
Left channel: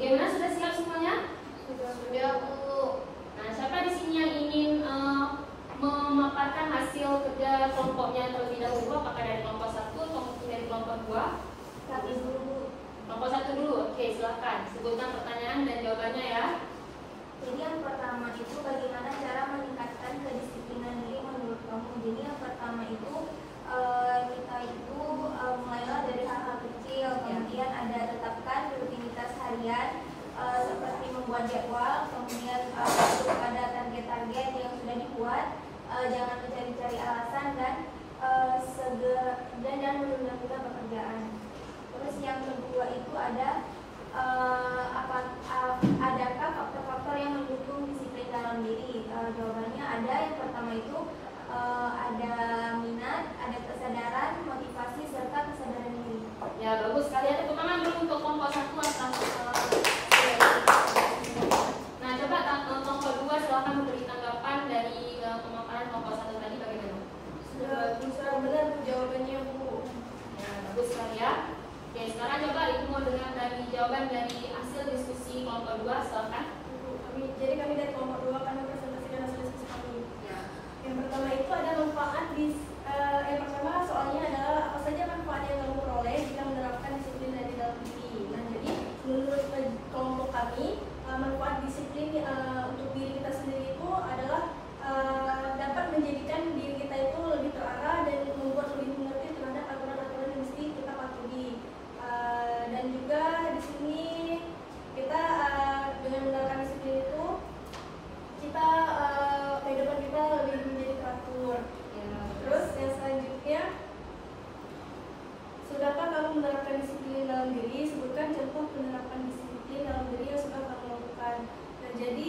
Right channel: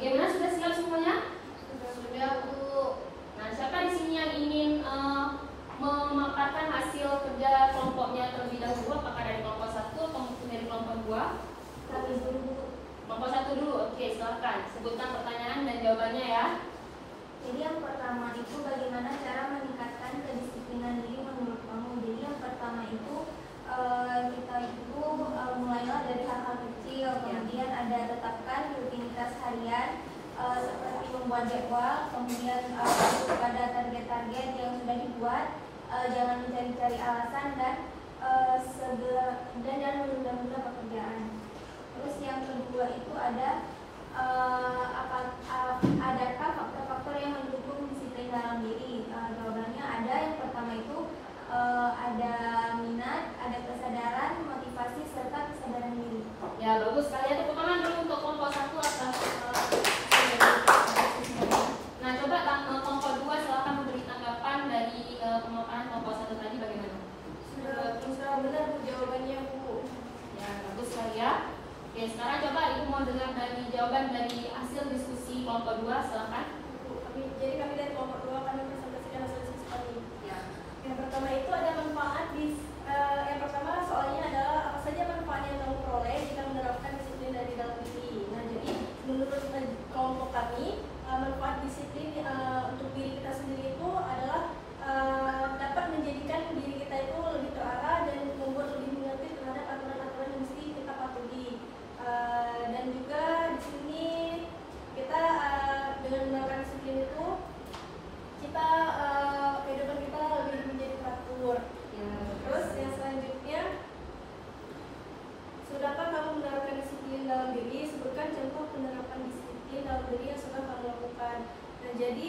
Bagaimana, sudah siap semuanya? Sudah, Bu. Nah, siapa di sini yang ingin memaparkan hasil kerja kelompoknya terlebih dahulu? Apakah dari kelompok 1 atau mungkin dari kelompok 2? Kami dulu. Kelompok 1 dulu. Oke, silakan. Sebutkan pertanyaan dan jawabannya ya. Jadi yang pertama itu bagaimana cara meningkatkan kedisiplinan diri menurut kamu. Jadi yang pertama itu kita itu mulailah dari hal-hal kecil, kemudian ada tetapkan rutinitas harian seperti membuat jadwal, kemudian pada target-target yang sudah dibuat, jangan mencari-cari alasan dan jangan menunda-nunda pekerjaan. Terus yang kedua itu ada adakah faktor-faktor yang mendukung disiplin dalam diri? Jawabannya ada. Yang pertama itu ada minat, ada kesadaran, motivasi, serta kesadaran diri. Ya, bagus sekali. Tepuk tangan dulu untuk kelompok 1 atau nah, coba kelompok 2 silakan memberi tanggapan dari pemaparan kelompok 1 tadi bagaimana? Sudah benar Bu jawabannya Bu. Ya, bagus sekali ya. Oke, sekarang coba ibu mau dengar dari jawaban dari hasil diskusi kelompok 2, silakan. Jadi kami dari kelompok 2 akan mempresentasikan hasil diskusi kami. Ya. Yang pertama itu ada manfaat yang pertama soalnya adalah apa saja manfaat yang kamu peroleh jika menerapkan disiplin dari dalam diri. Nah, jadi menurut kelompok kami manfaat disiplin untuk diri kita sendiri itu adalah dapat menjadikan diri kita itu lebih terarah dan membuat lebih mengerti terhadap aturan-aturan yang mesti kita patuhi. Dan juga di sini kita dengan menerapkan disiplin itu kita kehidupan kita lebih menjadi teratur. Ya. Terus yang selanjutnya, sudahkah kamu menerapkan disiplin dalam diri? Sebutkan contoh penerapan disiplin dalam diri yang sudah kamu lakukan. Nah, jadi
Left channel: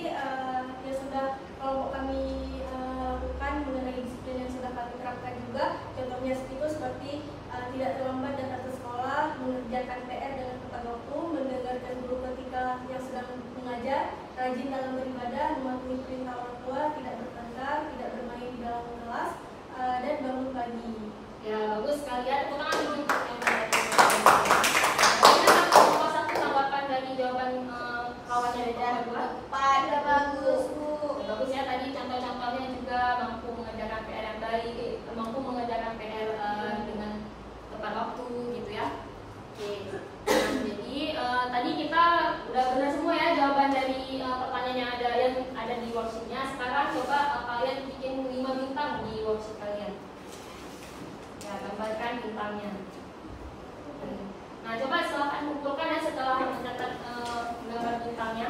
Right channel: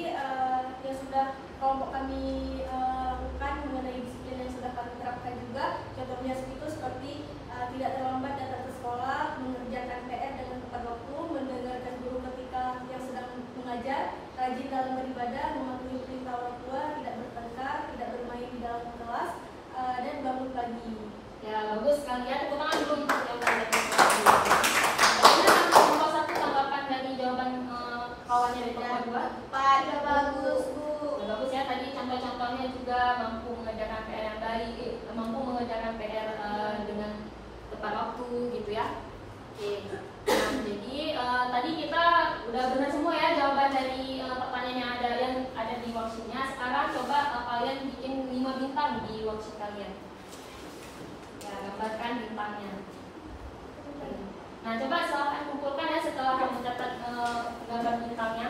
yang sudah kelompok kami lakukan mengenai disiplin yang sudah kami terapkan juga, contohnya itu seperti tidak terlambat datang ke sekolah, mengerjakan PR dengan tepat waktu, mendengarkan guru ketika yang sedang mengajar, rajin dalam beribadah, mematuhi perintah orang tua, tidak bertengkar, tidak bermain di dalam kelas, dan bangun pagi. Ya, bagus sekali ya. Tepuk tangan dulu untuk yang banyak. Bagaimana kelompok 1 tanggapan dari jawaban kawannya di kelompok 2? Pada bagus. Bagus ya, tadi contoh-contohnya juga mampu mengerjakan PR yang baik, mampu mengerjakan PR dengan tepat waktu gitu ya. Oke. Nah, jadi tadi kita udah benar semua ya jawaban dari pertanyaan yang ada di worksheetnya. Sekarang coba kalian bikin 5 bintang di worksheet kalian. Ya, gambarkan bintangnya. Nah, coba silakan kumpulkan ya setelah mencatat gambar bintangnya.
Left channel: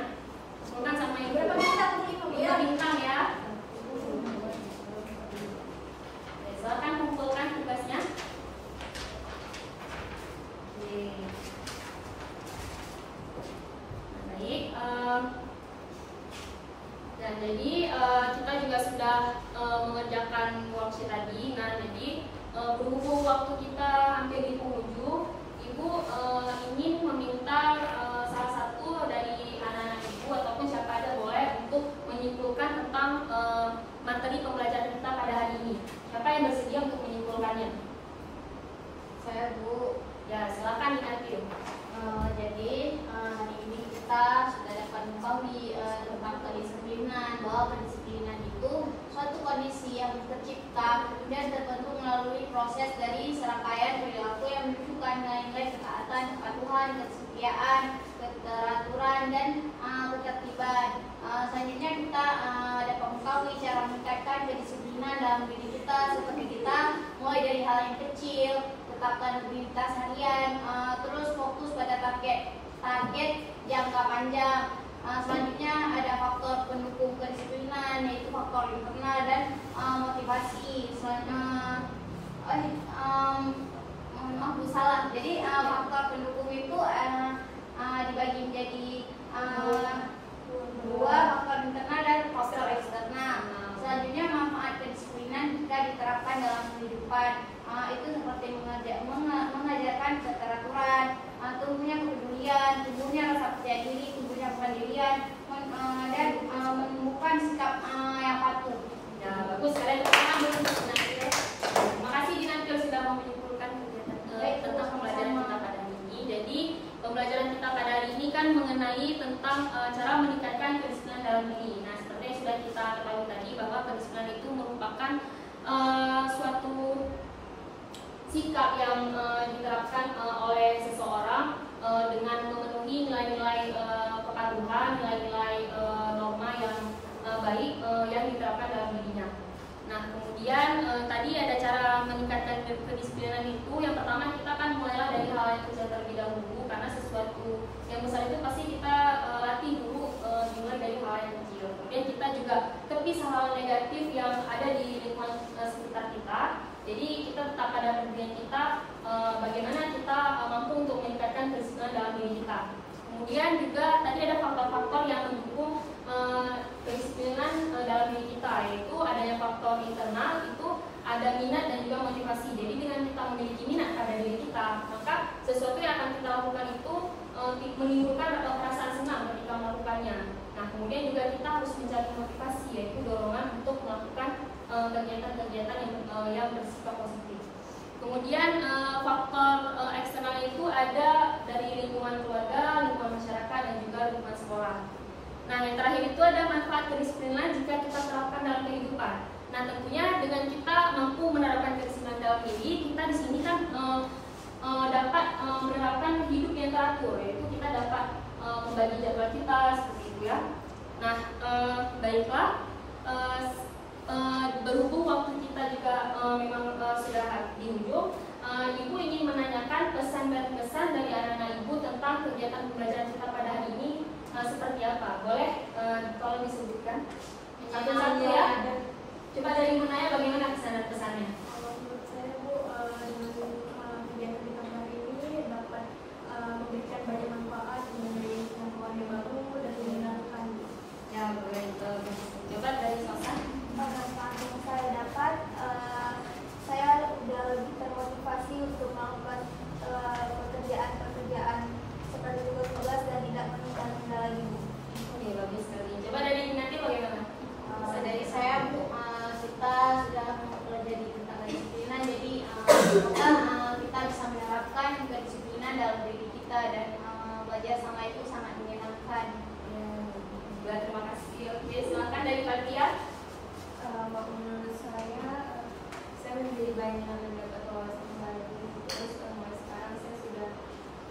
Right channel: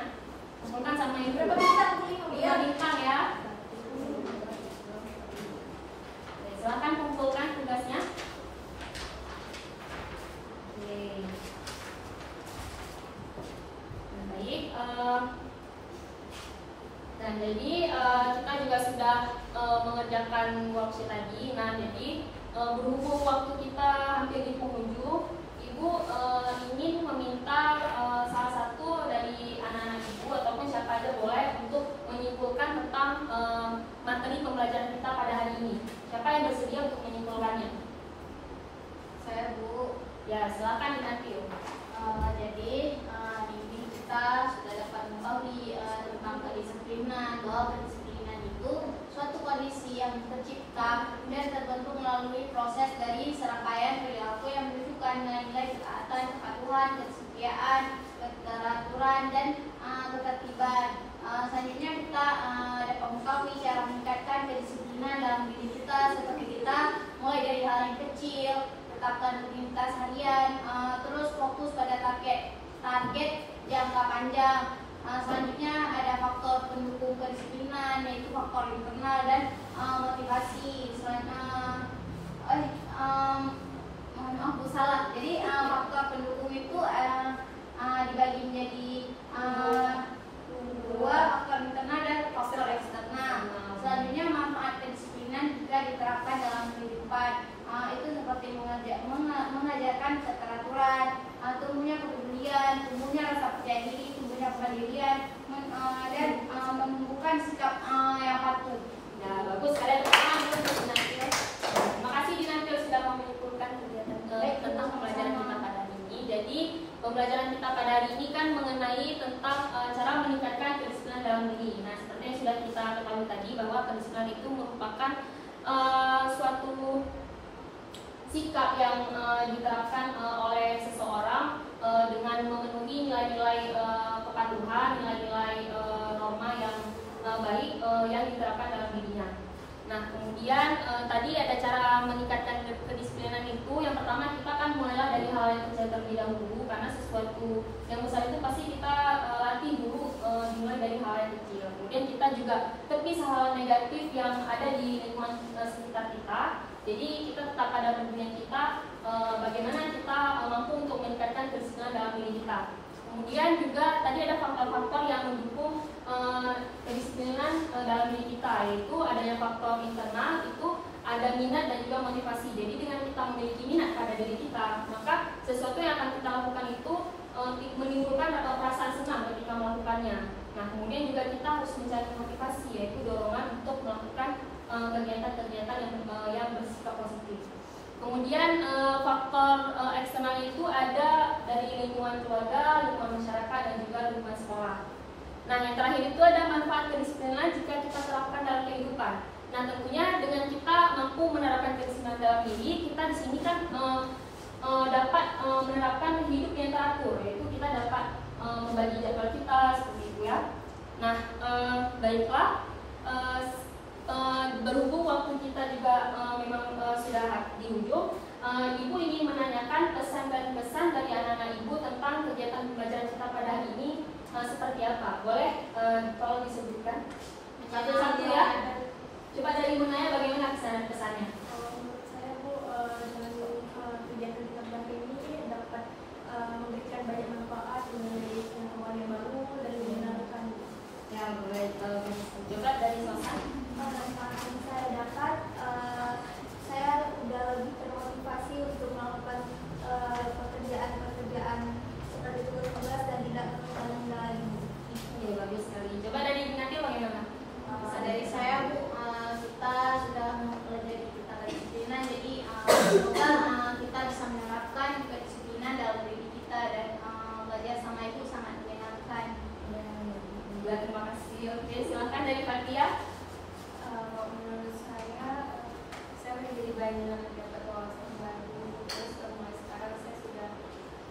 Kumpulkan sama ibu. Berapa bintang? 5 bintang ya. mengerjakan worksheet tadi. Nah, jadi berhubung waktu kita hampir di penghujung, Ibu ingin meminta salah satu dari anak-anak Ibu ataupun siapa aja boleh untuk menyimpulkan tentang materi pembelajaran kita pada hari ini. Siapa yang bersedia untuk menyimpulkannya? Saya, Bu. Ya, silakan nanti. Jadi hari ini kita sudah dapat membagi tentang kedisiplinan, bahwa kedisiplinan itu suatu kondisi yang tercipta dan terbentuk melalui proses dari serangkaian perilaku yang menunjukkan nilai-nilai ketaatan, kepatuhan, kesetiaan, keteraturan, dan ketertiban. Selanjutnya kita dapat mengetahui cara meningkatkan kedisiplinan dalam diri kita, seperti kita mulai dari hal yang kecil, tetapkan rutinitas harian, terus fokus pada target jangka panjang. Selanjutnya ada faktor pendukung kedisiplinan, yaitu faktor internal dan motivasi. Selanjutnya Jadi faktor pendukung itu dibagi menjadi dua, faktor internal dan faktor eksternal. Selanjutnya manfaat kedisiplinan jika diterapkan dalam kehidupan, itu seperti mengajarkan keteraturan, tumbuhnya kepedulian, tumbuhnya rasa percaya diri, tumbuhnya kemandirian, dan menumbuhkan sikap yang patuh. Ya, bagus. Kalian untuk Dinantil. Terima kasih Dinantil sudah menyimpulkan kegiatan tentang pembelajaran kita pada hari ini. Jadi pembelajaran kita pada hari ini kan mengenai tentang cara meningkatkan kedisiplinan dalam diri. Nah, seperti yang sudah kita ketahui tadi bahwa kedisiplinan itu merupakan suatu sikap yang diterapkan oleh seseorang dengan memenuhi nilai-nilai kepatuhan, nilai-nilai norma yang baik yang diterapkan dalam dirinya. Nah, kemudian tadi ada cara meningkatkan kedisiplinan itu. Yang pertama, kita kan mulailah dari hal yang kecil terlebih dahulu, karena sesuatu yang besar itu pasti kita latih dulu, dimulai dari hal yang kecil. Kemudian kita juga tepis hal negatif yang ada di lingkungan sekitar kita. Jadi kita tetap pada pendirian kita, bagaimana kita mampu untuk meningkatkan kedisiplinan dalam diri kita. Kemudian juga tadi ada faktor-faktor yang mendukung kedisiplinan dalam diri kita, yaitu adanya faktor internal, itu ada minat dan juga motivasi. Jadi dengan kita memiliki minat pada diri kita, maka sesuatu yang akan kita lakukan itu menimbulkan perasaan senang ketika melakukannya. Nah, kemudian juga kita harus mencari motivasi, yaitu dorongan untuk melakukan kegiatan-kegiatan yang bersifat positif. Kemudian faktor eksternalnya itu ada dari lingkungan keluarga, lingkungan masyarakat, dan juga lingkungan sekolah. Nah, yang terakhir itu ada manfaat kedisiplinan jika kita terapkan dalam kehidupan. Nah, tentunya dengan kita mampu menerapkan kedisiplinan dalam diri, kita di sini kan dapat menerapkan hidup yang teratur, yaitu kita dapat membagi jadwal kita seperti itu ya. Nah, baiklah. Berhubung waktu kita juga memang sudah di ujung, Ibu ingin menanyakan pesan dan pesan dari anak-anak Ibu tentang kegiatan pembelajaran kita pada hari ini seperti apa? Boleh kalau disebutkan satu-satu ya. Coba dari Ibu nanya bagaimana pesan dan pesannya? Menurut saya, Bu, dengan kegiatan kita hari ini dapat memberikan banyak manfaat, mengenai pengetahuan yang baru dan menyenangkan. Ya, boleh. Coba dari Sosan. Manfaat yang saya dapat, saya udah lebih termotivasi untuk melakukan pekerjaan seperti tugas dan tidak menemukan kendala di Bu. Oke, bagus sekali. Coba dari Dinantil bagaimana? Dari saya, Bu, kita sudah mempelajari tentang kedisiplinan, jadi semoga kita bisa menerapkan kedisiplinan dalam diri kita dan belajar sama itu sangat menyenangkan. Ya, terima kasih. Oke, silakan dari Fatia. Menurut saya menjadi banyak mendapat wawasan baru. Terus mulai sekarang saya sudah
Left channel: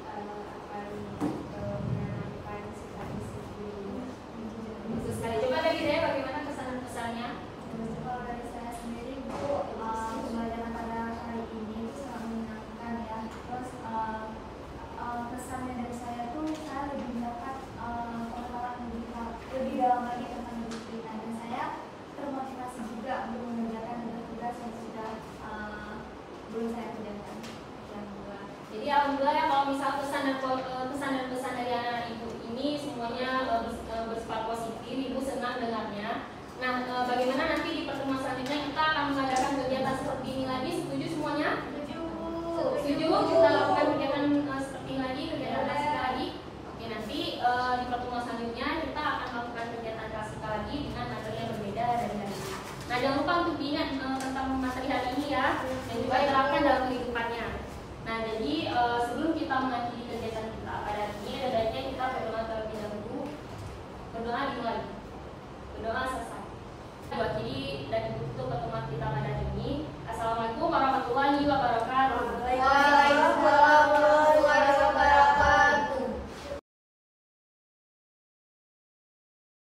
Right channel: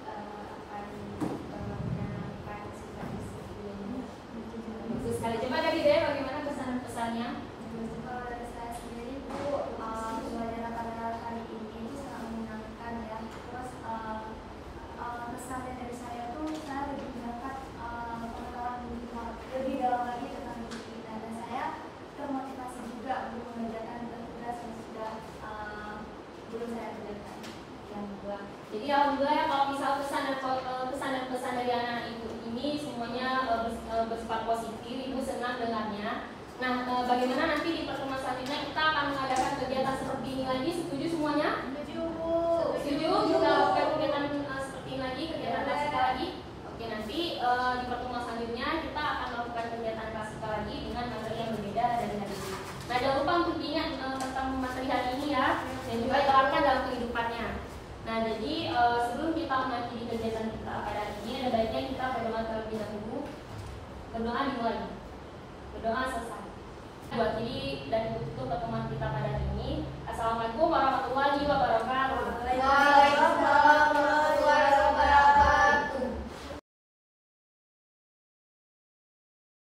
akan menanamkan sifat disiplin. Bagus sekali. Coba dari Dea bagaimana pesan dan pesannya? Kalau dari saya sendiri, Bu, pembelajaran pada kali ini sangat menyenangkan ya. Terus pesan dari saya tuh saya lebih dapat lebih dalam lagi tentang disiplin, dan saya termotivasi juga untuk mengerjakan tugas yang sudah belum saya kerjakan. Yang kedua. Jadi alhamdulillah ya, kalau misal pesan dan pesan dari anak-anak Ibu ini semuanya bersifat positif, Ibu senang dengarnya. Nah, bagaimana nanti di pertemuan selanjutnya kita akan mengadakan kegiatan seperti ini lagi? Setuju semuanya? Setuju? Kita lakukan kegiatan seperti ini lagi, kegiatan klasika lagi. Oke, nanti di pertemuan selanjutnya kita akan melakukan kegiatan klasika lagi dengan materi yang berbeda dari hari ini. Nah, jangan lupa untuk diingat tentang materi hari ini ya, dan juga terapkan dalam kehidupannya. Nah, jadi sebelum kita mengakhiri kegiatan kita pada hari ini, ada baiknya kita berdoa terlebih dahulu. Berdoa dimulai. Berdoa selesai. Jadi dan itu pertemuan kita pada hari ini. Assalamualaikum warahmatullahi wabarakatuh.